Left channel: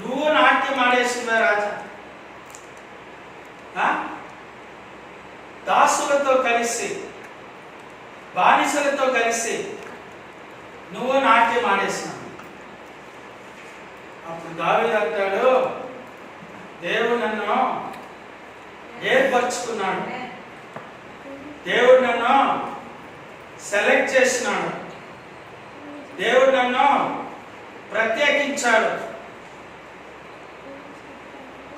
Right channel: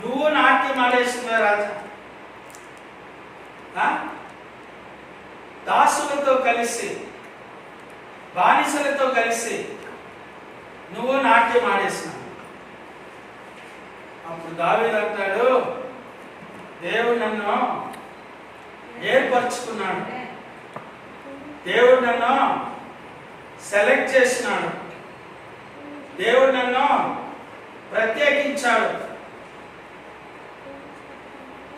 నువ్వు నాట్యం ఆడేసినవే రాజా. దాసులతో కలిసి, బానిసలతో కలిసి నువ్వు నాట్యం ఆడేసినావు. అప్పుడు దావీదు అంటాడు, దేవుడు నన్ను ఏర్పరచుకున్నాడు, దేవుడు నన్ను సెలెక్ట్ చేసినాడు, దేవుడు నన్ను ప్రత్యేకించాడు.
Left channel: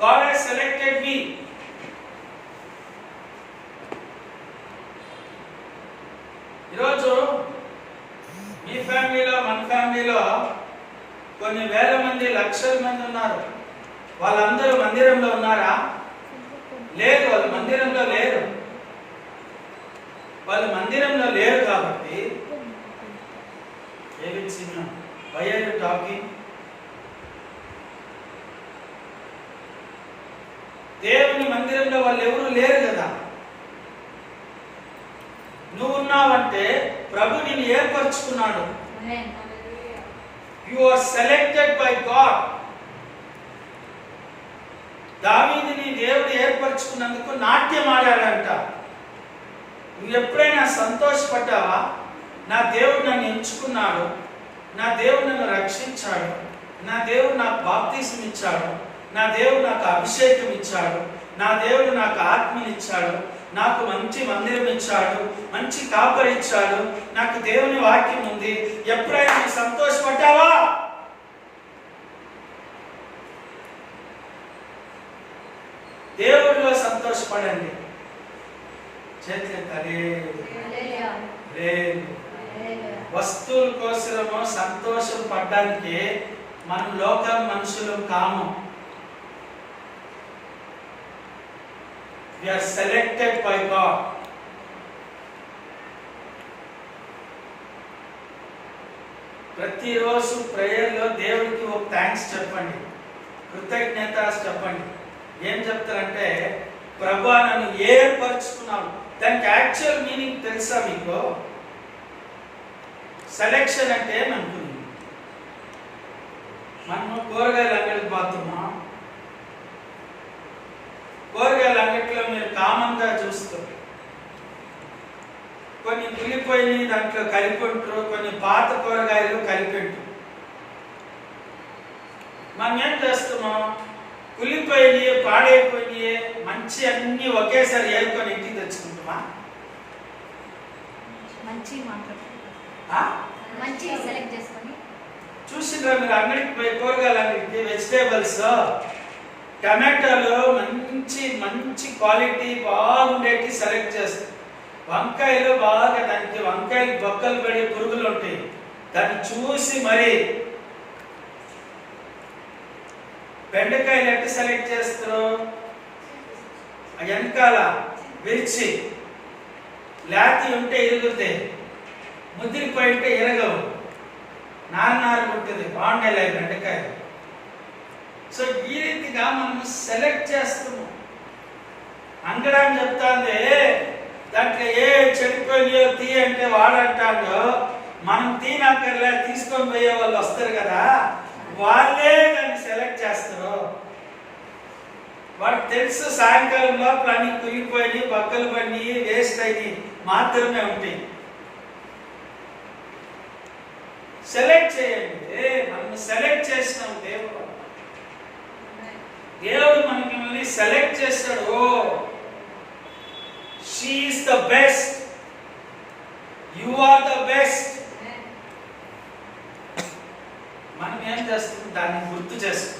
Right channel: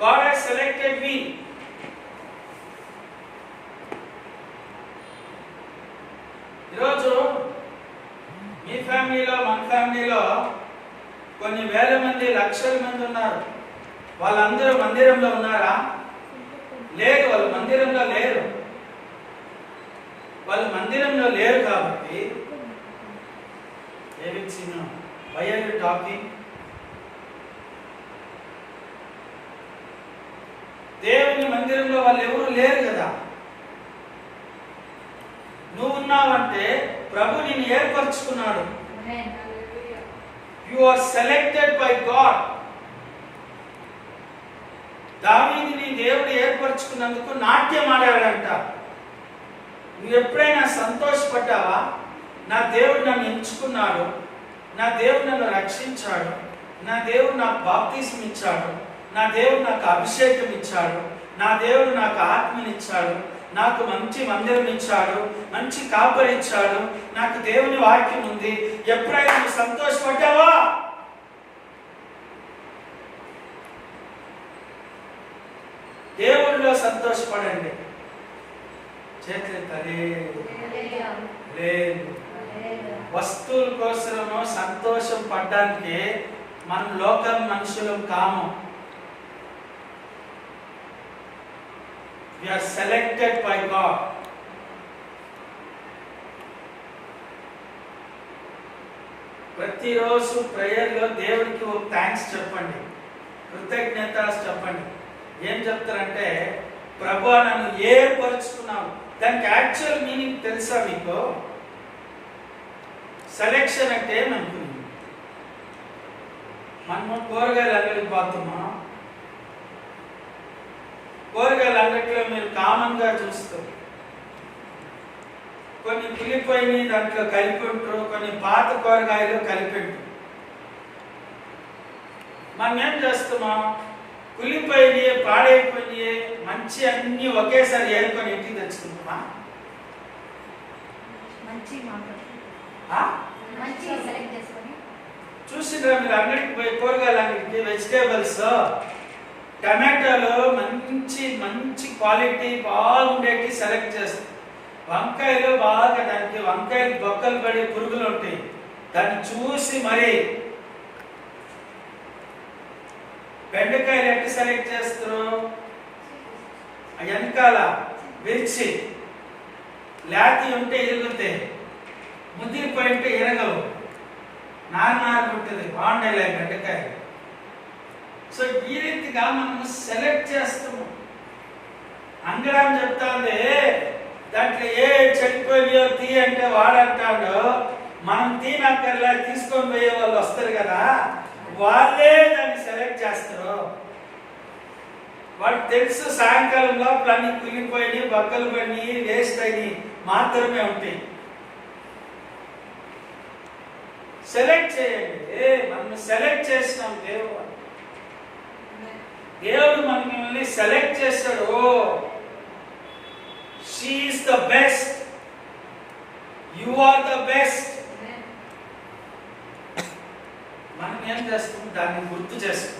God has selected me. ఈరోజు మీ ఫ్యామిలీలో, మన ఫ్యామిలీలో కొన్ని వేల మంది, లక్షల మంది ఉన్నారు. వాళ్ళందరూ మందిరంలో ఉన్నారా? లేదు, వాళ్ళు మందిరంలో లేరు. వాళ్ళు మందిరంలో లేరు కాబట్టి David Simeon, why are you talking? దేవుని మందిరంలో వాళ్ళు ఎవరు లేరు కదా. నువ్వు ఉన్నావంటే ప్రభు నిన్ను ఏర్పరచుకున్నాడు. You are selected by God. దావీదుని దేవుడు ఏర్పరచుకున్నందుకు నాట్యం ఆడాడంట. నువ్వు ఎప్పుడైనా సంతోషపడ్డావా? నా దేవుడు నన్ను ఎంచుకున్నాడు, నా దేవుడు నన్ను రక్షించాడు, నా దేవుడు నాకు బాప్తిస్మం ఇచ్చాడు, నా దేవుడు నాకు అభిషేకం ఇచ్చాడు, నా దేవుడు నాకు ఆత్మనిచ్చాడు, నాకు మంచి మందిరం ఇచ్చాడు, మంచి కాపరి ఇచ్చాడు, నాకు దేవుని వాక్యం ఉంది. ఎప్పుడైనా నువ్వు సంతోషపడ్డావా? దేవుడిలో సంతోషపడండి. చేతులెత్తాలి. లేదు, వస్తువుల కోసము సంతోషం పడ్డానికి మనం లోకం మనుషులు కాము. We are selected by God. ప్రతిరోజు ప్రేయర్లో దేవుడికి ఒక థ్యాంక్స్ చెప్పండి, కృతజ్ఞత చెప్పండి. ఏం చెప్తారంటే, ప్రభువా నన్ను ఏర్పరచుకున్నావు. దానికి యాక్చువల్ మీనింగ్ తెలుసా మీకు? సెలెక్షన్ అంటే ఏమనుకున్నాం? మనము కూరగాయల అంగడికి పోతామా? కూరగాయల అంగట్లో మీరు కామన్ గా చూస్తారు, కొన్ని కులిపోయి దాంట్లో కలిపి ఉంటారు, కొన్ని పాత కూరగాయలు కలిపి ఉంటారు. మనం ఏం చేస్తామా? కులిపోయి, పాడైపోయి, మంచి అన్ని ఒకేసారి ఏరుకొని ఇంటికి తెచ్చుకుంటామా? చూసిండ్రా మీరు అంగడికి పోయి, కూరగాయల అంగడికి వెజిటేబుల్స్, టమాటాలు మంచి మంచి క్వాలిటీ బాగుండేటి సెలెక్ట్ చేస్తాం. వంకాయలు బాగా, దానికి వంకాయలు బొక్కలు పడి పురుగులు ఉంటాయి, దాన్ని చూసి మరి. బెండకాయలు ఎట్లా సెలెక్ట్ చేస్తారు? వెనకాల విరిచి లేతి ఉంటే ఇరుగుతాయి, ముదిరిపోయి ఉంటే ఇరగవు, నారు ఉంటుంది, బాగుండేలే బెండకాయలు. సో ఈ రీతిగా మనము సెలెక్ట్ చేస్తున్నాం. అంగడాన్ని చెప్తాంది, దాంట్లో ఏ చెడిపోయినాయో తీ అంటే వాడంటాడు, మనం తీనక్కర్లే, తీసుకొని పోయే వాళ్ళు వస్తారు కదా, వాళ్ళే దాన్ని సెలెక్ట్ చేస్తారు. వాడికి తెలుసు సాయంకాలం లోపల అన్ని కులిపోయి, బక్కలు పడి, వేస్ట్ అయ్యి మాత్రమే ఉంటాయి. సెలెక్ట్ చేయండి. మనం సెలెక్ట్ చేసినాం. దేవుడు మనల్ని సెలెక్ట్ చేస్తాడు. She is the best, you are the best. మనం ఏం చేస్తాం? దాన్ని గుర్తు చేస్తాం.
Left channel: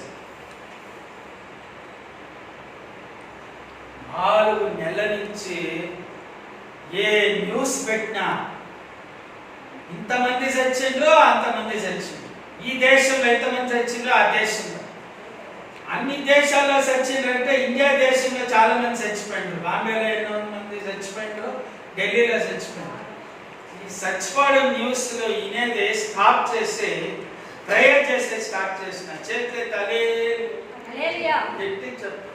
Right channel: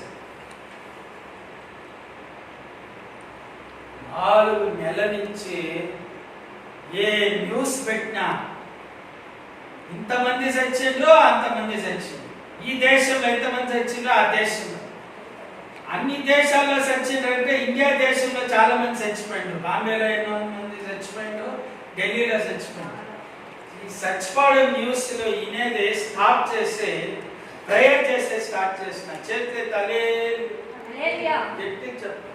4 నెలల నుంచి ఏ న్యూస్ పెట్టినా ఇంతమంది చచ్చిండ్రు, అంతమంది చచ్చిండ్రు, ఈ దేశంలో ఎంతమంది చచ్చిండ్రు, ఆ దేశంలో, అన్ని దేశాల్లో చచ్చిండ్రు అంటే ఇండియా దేశంలో చాలా మంది చచ్చిపోయిండ్రు. బాంబేలో ఎన్నో మంది చచ్చిపోయిండ్రు, ఢిల్లీలో చచ్చిపోయిండ్రు. ఈ చచ్చిపోవడం న్యూస్ లో ఇనేది స్టాప్ చేసి ప్రేయర్ చేస్తే స్టార్ట్ చేసిన చేస్తే తలే గట్టి చెప్పు.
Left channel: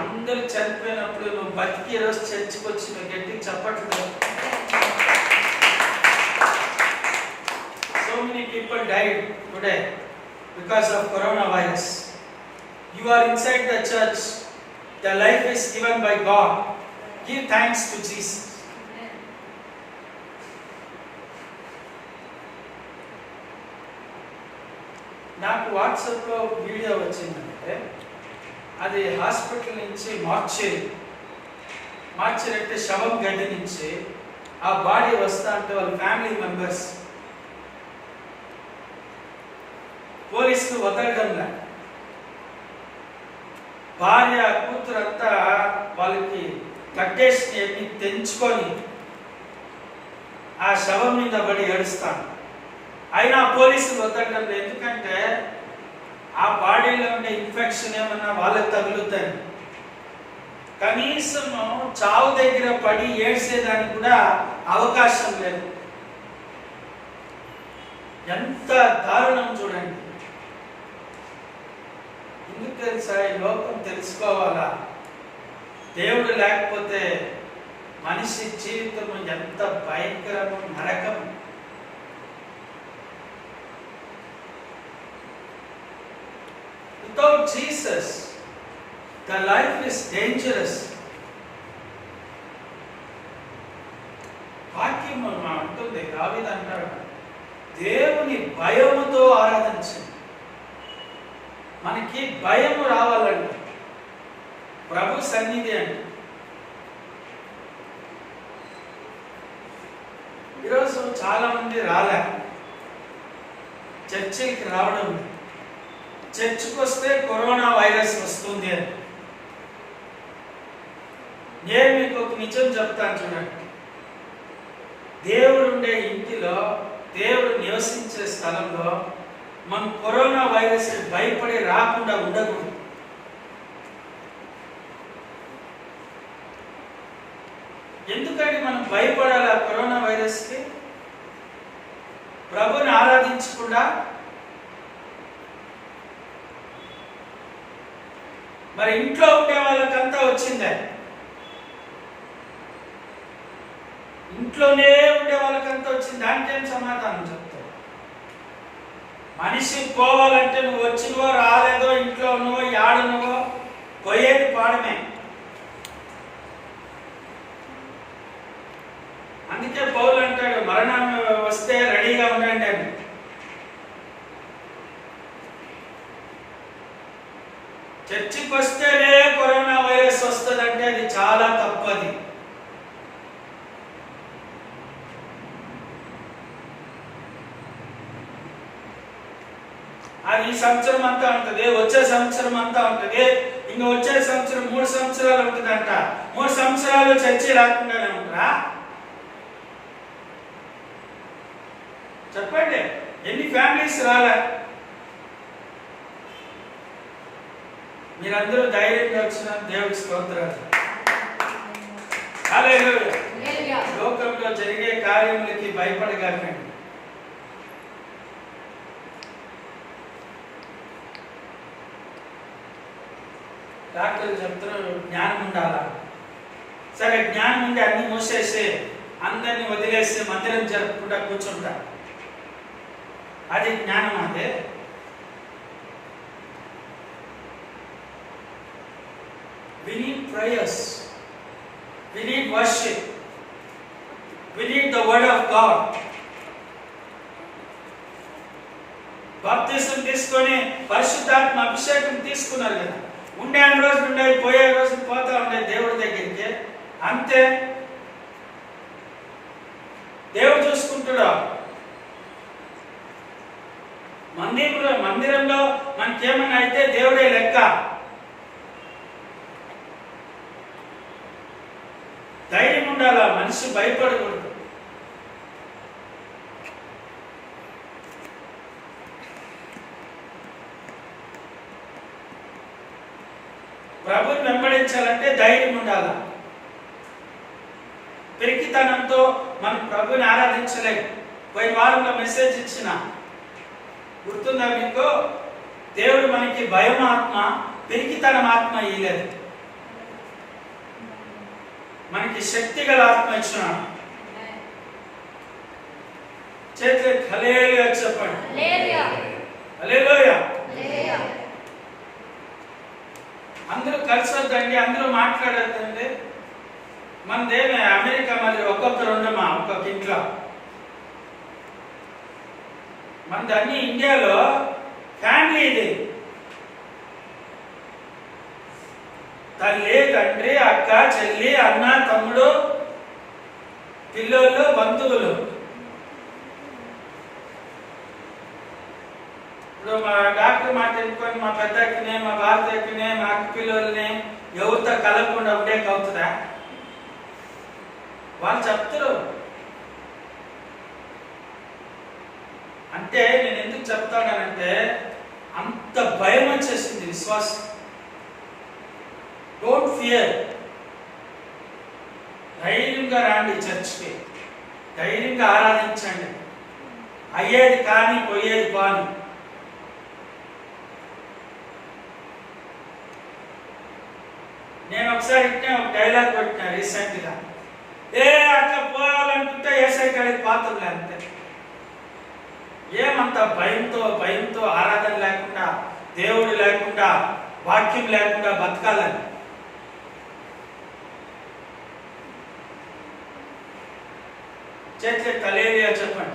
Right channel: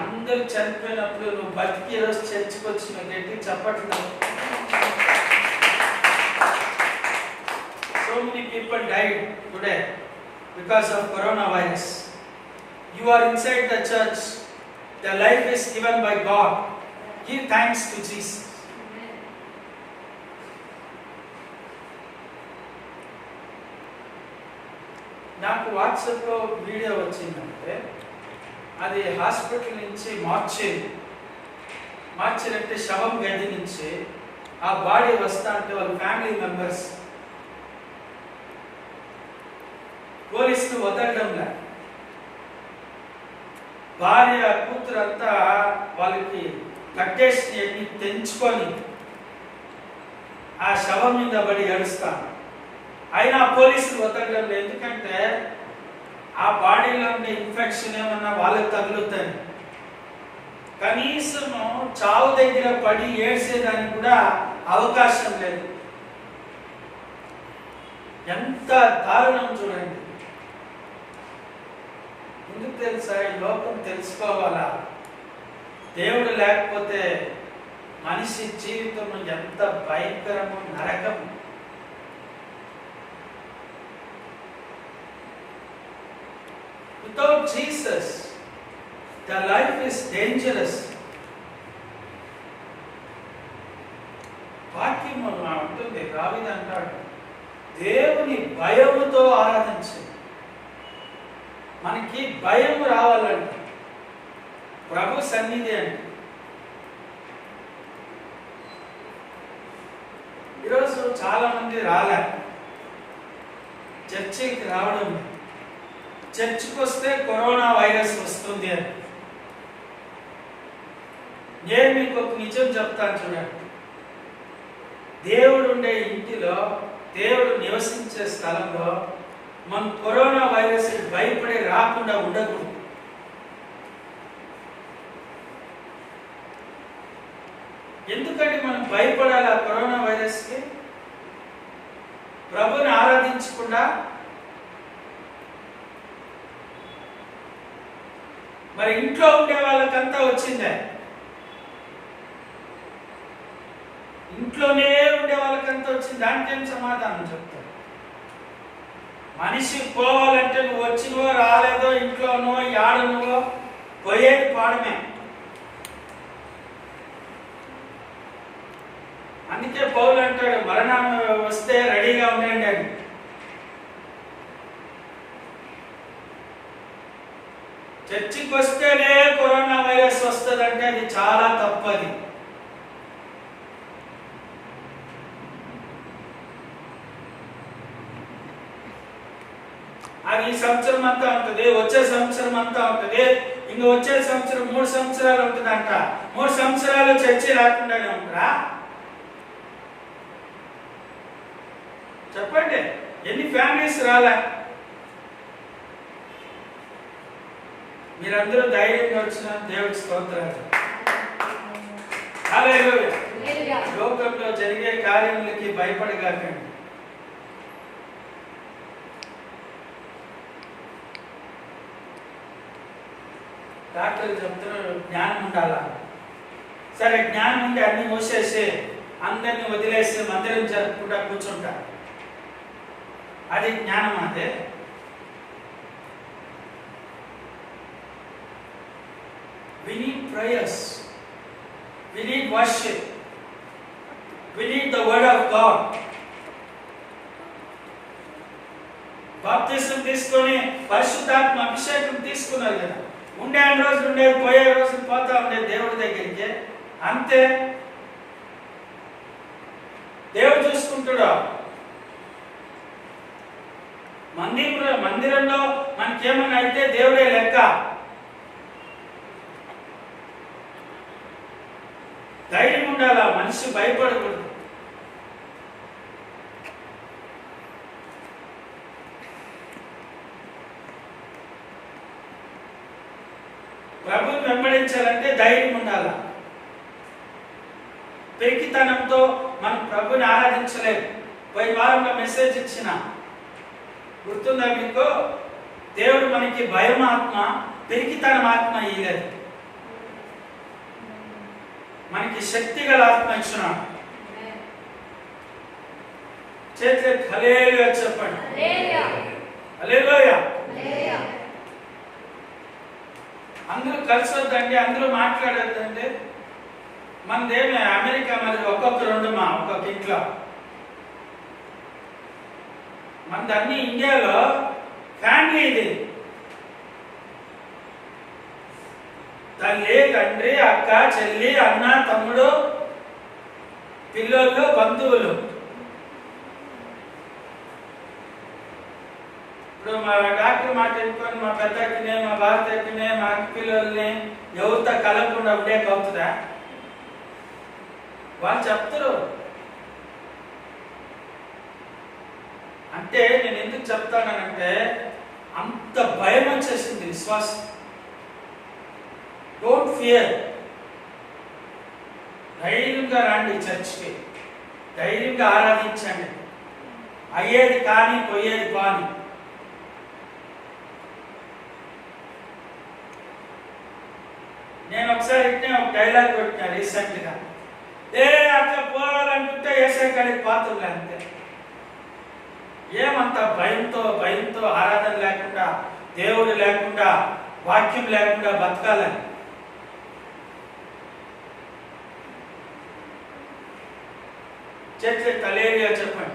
అందరూ చనిపోయినప్పుడు నువ్వు బతికి రోజు చర్చికి వచ్చి నువ్వు గట్టి చెప్పట్లేదు. So many people died today. because of coronavirus. You are inside the church. The life is given by God. Give thanks to Jesus. నాకు వాట్సాప్లో వీడియో వచ్చిందంటే అది హాస్పిటల్ నుంచి మార్చేరి అంటే శవం గది నుంచి ఆ బాడీ వస్తా అంటే వాళ్ళ ఫ్యామిలీ మెంబర్స్ పోలీసులు వదలడంలా, భార్య కూతురు అంతా వాళ్ళకి కట్టేసి అన్ని తెంచుకొని ఆ శవం మీద పడి ఏడుస్తాను. అయినా పోలీసులు వదలడం లేదు, ఎందుకంటే ఆ బాడీలో ఉండే ఇన్ఫెక్షన్ ఏమన్నా వాళ్ళకి తగులుతాయి. కనీసం చావు దగ్గర పడి ఏడ్చేదానికి కూడా అవకాశం లేదు. ఎంత దారుణం చూడండి. ఎందుకు తెలుసా? ఈ లోకం తెలుసుకోవాలా, దేవుడు లేకపోతే మనిషి జీవితం ఎంత భయంకరము, నరకం. Without Jesus, the life is dangerous. వాక్యం అంటుంది, దావీదు అంటాడు, దేవుని భయముతో ఆరాధించండి. మనకి భయం రావాలంట, ప్రభు సన్నిధి అంట. ఈరోజు చాలా మంది రాలే, చర్చికి రావడం లేదు. చర్చికి వస్తే కరోనా వైరస్ వస్తుంది అని. నేను మీకు ఒక నిజం చెప్తాను చూడండి. దేవుడు ఉండే ఇంటిలో, దేవుడు నివసించే స్థలంలో మనం కరోనా వైరస్ భయపడి రాకుండా ఉండకూడదు. ఎందుకంటే మనం భయపడాలి ఆ కరోనా వైరస్కి? ప్రభుని ఆరాధించకుండా మరి ఇంట్లో ఉండే వాళ్ళకంతా వచ్చిందే, ఇంట్లోనే ఉండే వాళ్ళకంతా వచ్చింది. దానికి ఏం సమాధానం చెప్తావు? మనిషి పోవాలంటే నువ్వు వచ్చినవో రాలేదో, ఇంట్లోనో యాడనువో పోయేది పాడమే. అందుకే పౌలు అంటాడు, మరణం వస్తే రెడీగా ఉండండి అని. చర్చికి వస్తేనే కరోనా వైరస్ వస్తుందంటే అది చాలా తప్పది. అది ఈ సంవత్సరం అంతా ఉంటుంది, వచ్చే సంవత్సరం అంతా ఉంటుంది, ఇంకా వచ్చే సంవత్సరం 3 సంవత్సరాలు ఉంటుందంట. 3 సంవత్సరాలు చర్చి రాకుండానే ఉంటారా? చెప్పండి, ఎన్ని ఫ్యామిలీస్ రాలే? మీరందరూ ధైర్యంగా వచ్చిన దేవుడి స్తోత్రాలు. హల్లెలూయా. లోకంలో జరిగే కార్యములకి భయపడగాకండి. డాక్టర్లు చెప్తారు జ్ఞానం ఉండాలా. సరే, జ్ఞానం ఉండి అన్ని మూసేసి అందరిని వదిలేసి మందిరం జరపకుండా కూర్చుంటా, అది జ్ఞానం? అదే we need prayers, we need worship, we need the word of God. బాప్తిజం తీసుకొని పరిశుద్ధాత్మ అభిషేకం తీసుకున్నారు కదా, ఉండే రోజులు ఉండేది, పోయే రోజులు పోతా ఉండేది దేవుడి దగ్గరికి. అంతే, దేవుడు చూసుకుంటాడు. మందిరంలో మనకేమన్నా అయితే దేవుడే లెక్క. ధైర్యం ఉండాలా, మనిషి భయపడకూడదు. ప్రభుని వెంబడించాలంటే ధైర్యం ఉండాలా. పెరికితనంతో మనం ప్రభుని ఆరాధించలేము. పోయిన వారంలో మెసేజ్ ఇచ్చిన గుర్తుందా మీకు? దేవుడు మనకి భయం ఆత్మ, పెరికితనం ఆత్మ ఇయ్యలేదు, మనకి శక్తి గల ఆత్మ ఇచ్చినాడు. చేతులు హల్లెలూయా చెప్పండి. హల్లెలూయా. అందరూ కలిసి వద్దండి, అందరూ మాట్లాడొద్దండి. మనదేమి అమెరికా మరి ఒక్కొక్కరు ఉండమా ఒక్కొక్క ఇంట్లో. మనది అన్ని ఇండియాలో ఫ్యామిలీ ఇది. తల్లి, తండ్రి, అక్క, చెల్లి, అన్న, తమ్ముడు, పిల్లోళ్ళు, బంధువులు. ఇప్పుడు మా డాక్టర్ మాట ఎన్నుకొని మా పెద్దకినే, మా భారతకినే, మా అక్క పిల్లల్ని ఎవరితో కలగకుండా ఒకటే అవుతుందా? వాళ్ళు చెప్తారు. అంటే నేను ఎందుకు చెప్తానంటే అంత భయం వచ్చేసింది విశ్వాసం. Don't fear. ధైర్యంగా రాండి చర్చ్కి, ధైర్యంగా ఆరాధించండి. అయ్యేది కానీ పోయేది పాని. నేను ఒకసారి ఇట్నే ఒక డైలాగ్ కొట్టినా రీసెంట్ గా. అట్లా పోవాలనుకుంటే ఏసై కాడికి పాత్రలే అంతే. ఏమంత భయంతో ఆరాధన లేకుండా, దేవుడు లేకుండా, వాక్యం లేకుండా బతకాలని. చేతులు హల్లెలూయా చెప్పండి.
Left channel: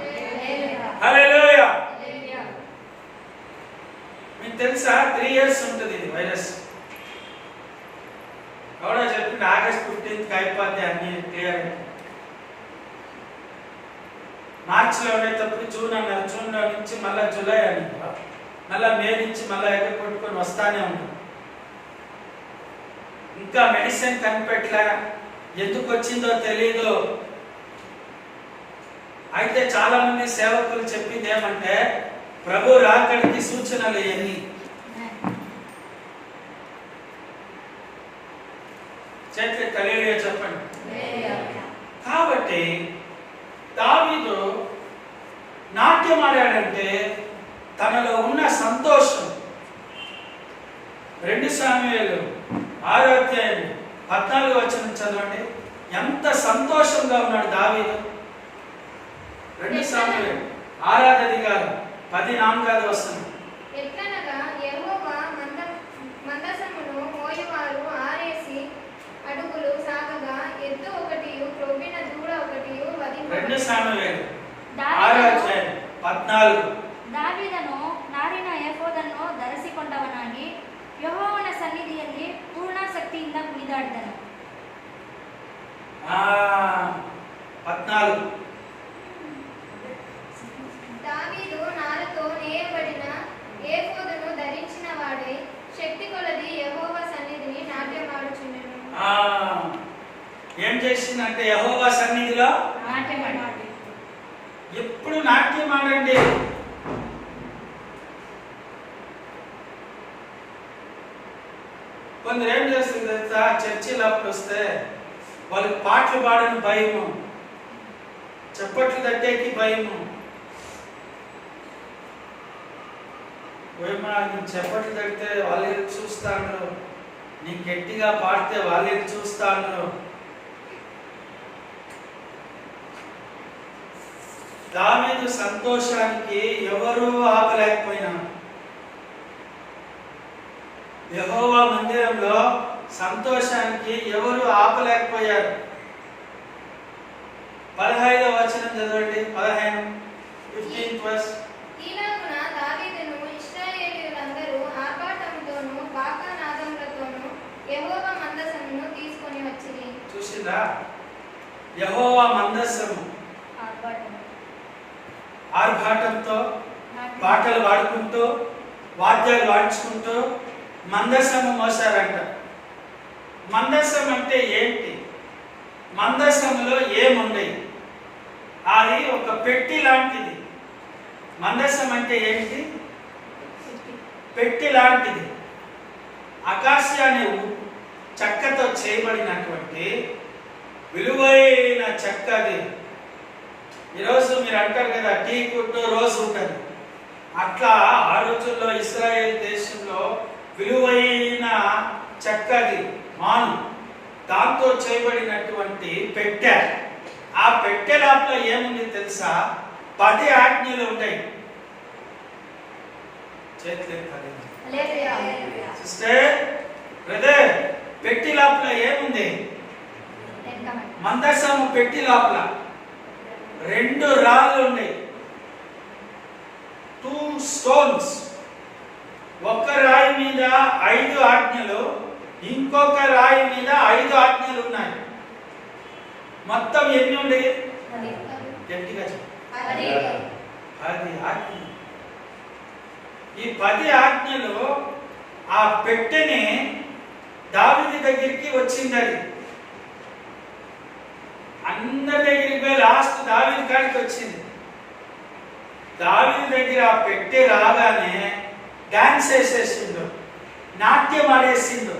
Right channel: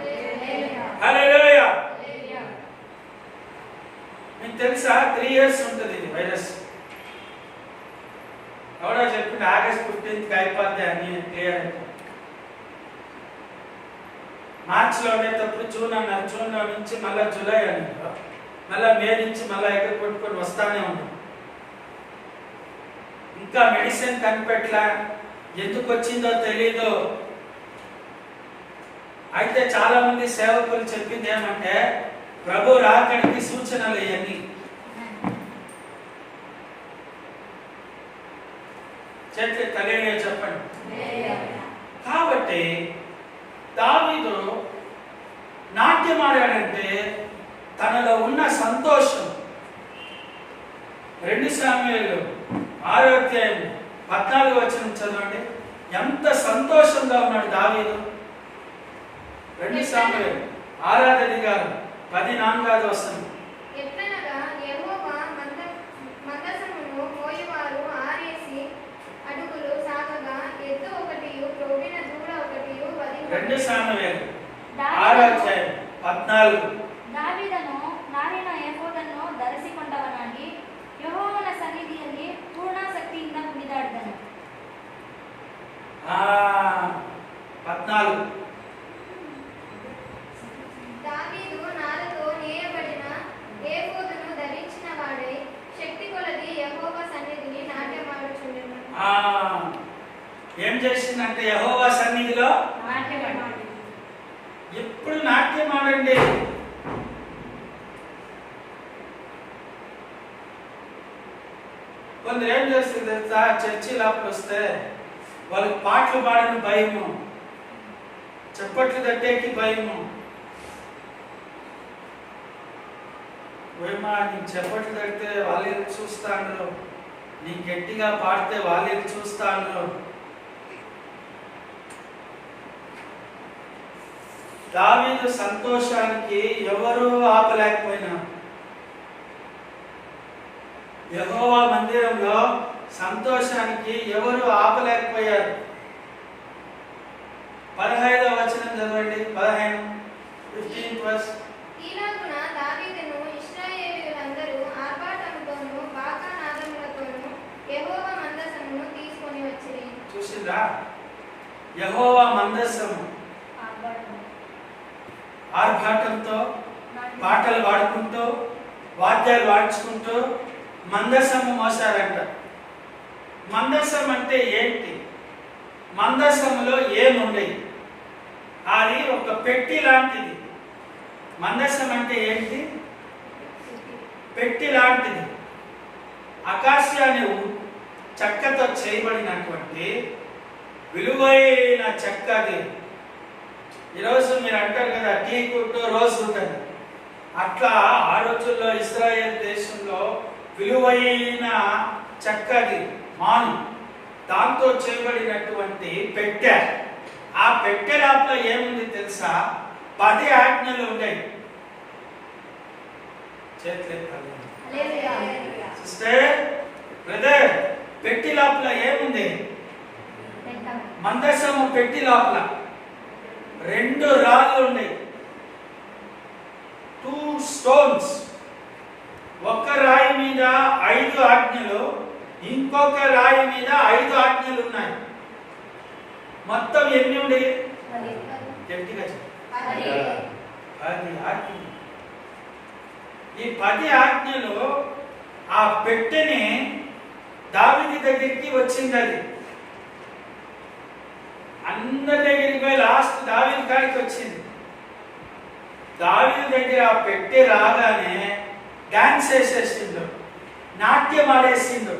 హల్లెలూయా. మీకు తెలుసా 3 years ఉంటుంది ఇది వైరస్. ఎవడో చెప్పింది August 15th అయిపోద్ది అన్ని క్లియర్ అయిపోయింది. మార్చిలో ఉండేటప్పుడు జూన్ అన్నారు, జూన్లో నుంచి మళ్ళీ జూలై అన్నారు, మళ్ళీ మే నుంచి మళ్ళీ ఎక్కడ కొట్టుకొని వస్తానే ఉన్నారు. ఇంకా మెడిసిన్ కనిపెట్టలే, ఎందుకు వచ్చిందో తెలీదు. అయితే చాలా మంది సేవకులు చెప్పింది ఏమంటే ప్రభు రాకడికి సూచనలు ఇవన్నీ. చేతులు హల్లెలూయా చెప్పండి. కాబట్టి దావీదు నాట్యం ఆడాడంటే తనలో ఉన్న సంతోషం. 2 సమూయేలు 6:14 చదవండి. ఎంత సంతోషంగా ఉన్నాడు దావీదు. 2 సమూయేలు 6:10 ఎట్లనగా యెహోవా మందసమును మోయువారు ఆరేసి అడుగులు సాగగా ఎద్దు ఒకటియు క్రొవ్విన దూడ ఒకటియు వధింపబడెను. 2 సమూయేలు 6:14 దావీదను ನಾರಿನ ಎಫೋದನ್ನು ಧರಿಸಿಕೊಂಡವನಾಗಿ ಯೆಹೋವನ ಸನ್ನಿಧಿಯಲ್ಲಿ ಪೂರ್ಣ ಶಕ್ತಿಯಿಂದ ಕುಣಿದಾಡಿದನು. 14 దావీదు నారతో నేయబడిన ఏఫోదును ధరించిన వాడై శక్తి కొలది యెహోవా సన్నిధిని నాట్యమాడుచుండెను. ఏం చేసిందంటే యెహోవా సన్నిధిలో నాట్యమాడు. ఎప్పుడు నాట్యం ఆడండి. కొందరు ఏం చేస్తుంది చర్చిలో అప్పుడు వస్తే వాళ్ళకి పాటలు పాడని భయము, చప్పట్లు తట్టేకి భయము. ఏమా నీకు చప్పట్లు తడితే వాళ్ళు చూస్తాను, నీకు గట్టిగా పాడితే వాళ్ళు చూస్తాను. దావీదు సంతోషానికి ఎవరూ ఆపలేకపోయినా, యెహోవా మందిరంలో సంతోషానికి ఎవరు ఆపలేకపోయారు. 15వ వచనం చదవండి. 15th verse. ఈలాగున దావీదును ఇశ్రాయేలీయులందరూ ఆర్భాటంతోనూ బాకానాదములతోనూ యెహోవా మందసమును తీసుకొని వచ్చిరి. చూసిందా? యెహోవా మందస్సము ఆర్భాటంతో పాటలు పాడుకుంటూ వాద్యాలు వాయించుకుంటూ మందసము మోసారంట. మందసం అంటే ఏంటి? మందసములో ఏముండయి? అది ఒక పెట్టి లాంటిది. మందసం అంటే ఏంటి? పెట్టి లాంటిది. అకాసియా అనే చెక్కతో చేయబడినటువంటి విలువైన చెక్క అది. ఈరోజు మీరు అంటారు కదా టీ కుట్టు రోజు ఉంటుంది. అట్లా ఆ రోజుల్లో ఇశ్రాయేల్ దేశంలో విలువైన చెక్కది మాను, దాంతో చేయబడినటువంటి పెట్టె. ఆ పెట్టె లోపల ఏముంది తెలుసా? 10 ఆజ్ఞలు ఉంటాయి. చేతులు ఎత్తాలి. హల్లెలూయా. సిస్టర్, బ్రదర్, పెట్టి లోపల ఏముంది? మందసము పెట్టి లోపల 2 రాళ్ళు ఉన్నాయి, 2 స్టోన్స్. ఒక రాయి మీద 5 ఆజ్ఞలు, ఇంకొక రాయి మీద 5 ఆజ్ఞలు ఉన్నాయి. మొత్తం ఎన్ని ఉండే? గట్టిగా చెప్పు. 10 ఆజ్ఞలు. ఈ 10 ఆజ్ఞలు ఆ పెట్టెని దావీదు దగ్గరికి వచ్చింది. అది అందరి దగ్గరికి పోయి లాస్ట్ దావీదు కాడికి వచ్చింది. దావీదు దగ్గర ఆ పెట్టె రాగానే డాన్స్ వేసేసిండు, నాట్యం ఆడేసిండు.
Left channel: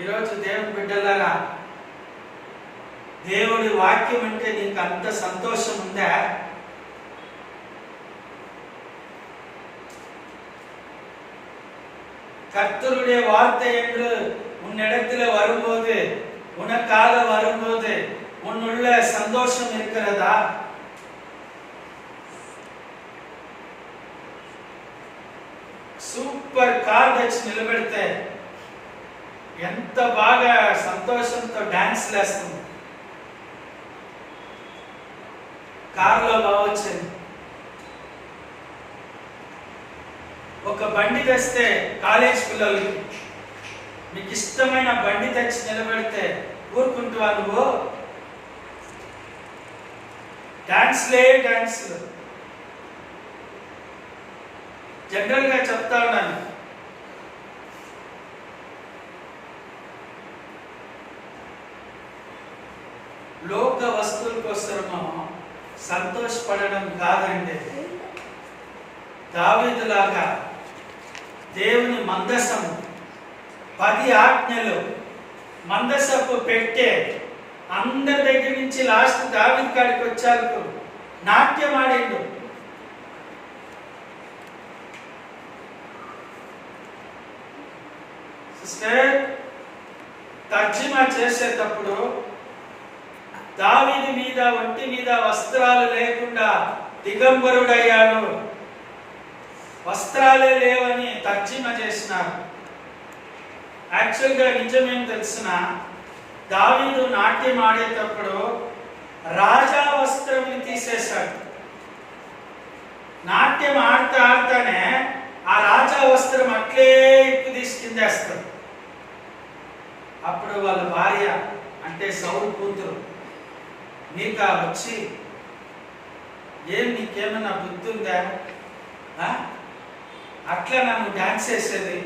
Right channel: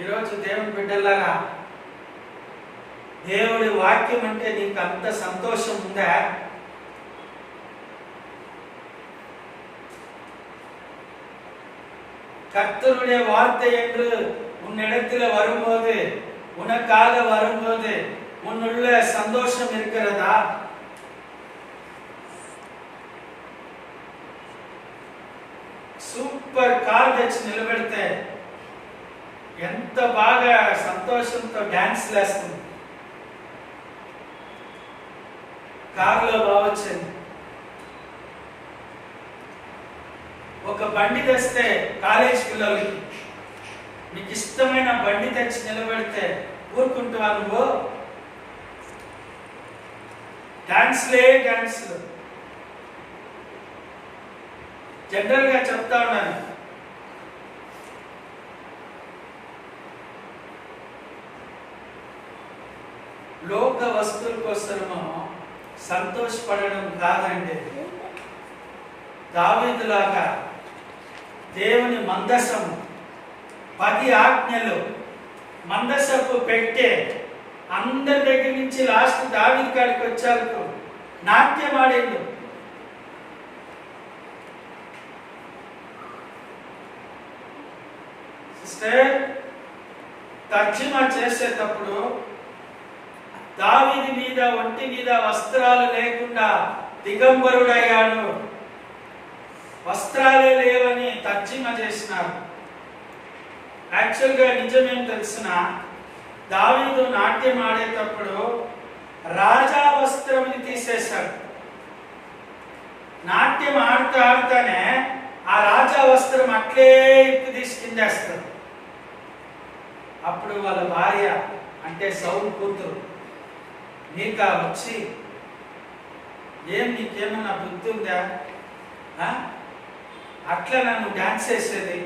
ఈరోజు దేవుని బిడ్డలారా, దేవుడి వాక్యం అంటే నీకు అంత సంతోషం ఉందా? கர்த்தருடைய வார்த்தை என்று உன்னிடத்தில் வரும்போது, உனக்காக வரும்போது உன்னுள்ள சந்தோஷம் இருக்கிறதா? సూపర్ కార్ తెచ్చి నిలబెడితే ఎంత బాగా సంతోషంతో డాన్స్ లేస్తుంది. కార్లో బాగొచ్చింది. ఒక బండి తెస్తే కాలేజ్ పిల్లలకి, మీకు ఇష్టమైన బండి తెచ్చి నిలబెడితే ఊరుకుంటావా నువ్వు? డాన్స్లే డాన్స్లు. జనరల్ గా చెప్తా ఉన్నాను, లోక వస్తువుల కోసమో సంతోషపడడం కాదండి. దావీదులాగా దేవుని మందసము, 10 ఆజ్ఞలు, మందసపు పెట్టే అందరి దగ్గర నుంచి లాస్ట్ దావీదు కాడికి వచ్చారు, నాట్యం ఆడిండు. సిస్టర్, తర్జుమా చేసేటప్పుడు దావీదు మీద ఒంటి మీద వస్త్రాలు లేకుండా దిగంబరుడయ్యాడు, వస్త్రాలే లేవని తర్జుమా చేసినారు. యాక్చువల్గా నిజమేం తెలిసిన, దావీదు నాట్యం ఆడేటప్పుడు రాజా వస్త్రముని తీసేశాడు. నాట్యం ఆడుతూ ఆడుతానే ఆ రాజా వస్త్రం అట్లే ఇప్పు తీసుకుందేస్తాడు. అప్పుడు వాళ్ళ భార్య అంటే సౌలు కూతురు నీకా వచ్చి, ఏం నీకేమన్నా బుద్ధి ఉందా? అట్లా నన్ను డాన్స్ వేసేది,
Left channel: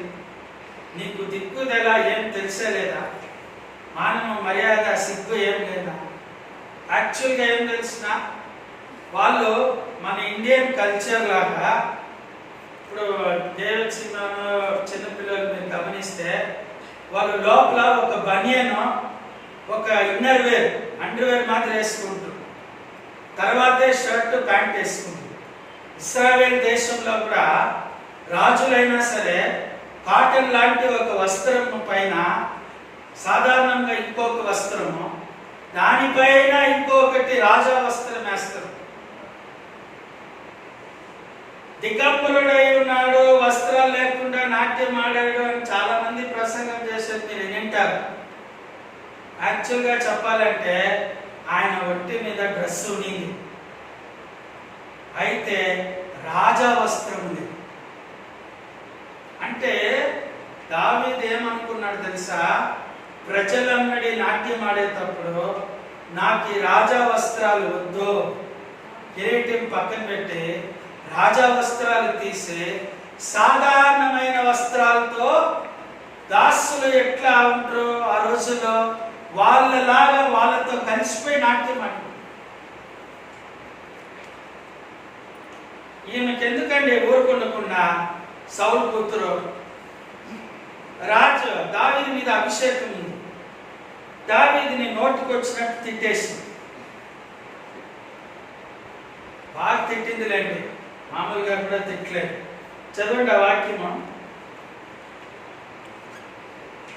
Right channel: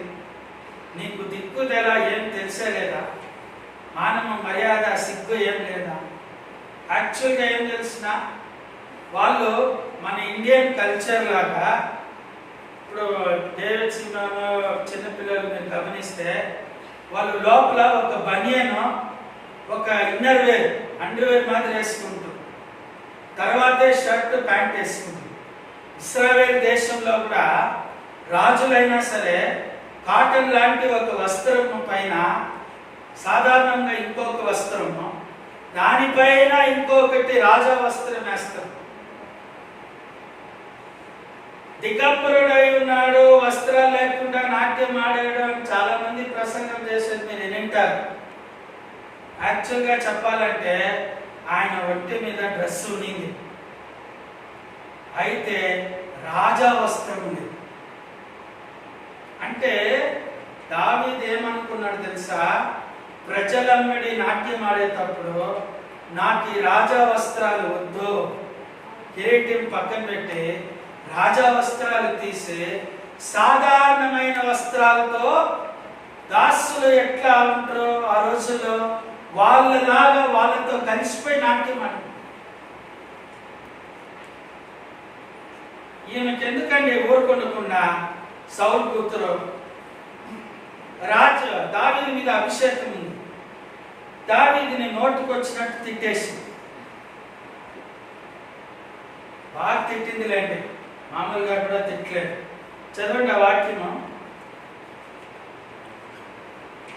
నీకు దిక్కుదెలా ఏం తెలిసేలేదా? మానవ మర్యాద సిగ్గు ఏం లేదా? యాక్చువల్గా ఏం తెలిసిన, వాళ్ళు మన ఇండియన్ కల్చర్ లాగా, ఇప్పుడు డేవిడ్ సినిమాను చిన్నపిల్లలు మీరు గమనిస్తే వాళ్ళు లోపల ఒక బనియను, ఒక ఇన్నర్ వేర్, అండర్ వేర్ మాత్రం వేసుకుంటారు, తర్వాతే షర్ట్ ప్యాంట్ వేసుకుంటారు. ఇస్రాయేల్ దేశంలో కూడా రాజులైనా సరే కాటన్ లాంటి ఒక వస్త్రము పైన సాధారణంగా ఇంకొక వస్త్రము, దానిపైన ఇంకొకటి రాజా వస్త్రం వేస్తారు. దిగంబరుడై ఉన్నాడు, వస్త్రాలు లేకుండా నాట్యం ఆడాడు అని చాలా మంది ప్రసంగం చేసేది మీరు వింటారు. యాక్చువల్గా చెప్పాలంటే ఆయన ఒంటి మీద డ్రెస్ ఉనింది, అయితే రాజా వస్త్రం ఉంది. అంటే దావీదు ఏమనుకున్నాడు తెలుసా? ప్రజలమ్మడి నాట్యం ఆడేటప్పుడు నాకు ఈ రాజా వస్త్రాలు వద్దు, కిరీటం పక్కన పెట్టి రాజా వస్త్రాలు తీసి సాధారణమైన వస్త్రాలతో, దాసులు ఎట్లా ఉంటారో ఆ రోజుల్లో వాళ్ళలాగా వాళ్ళతో కలిసిపోయి నాట్యం ఆడి. ఈమెకి ఎందుకండి ఊరుకుండకుండా సౌలు కూతురు రాజు దావీదు మీద అభిషేకం ఉంది, దావీదుని నోటికి వచ్చినట్టు తిట్టేసి, బాగా తిట్టిందిలేండి, మామూలుగా కూడా తిట్టలేదు. చదవండి ఆ వాక్యము,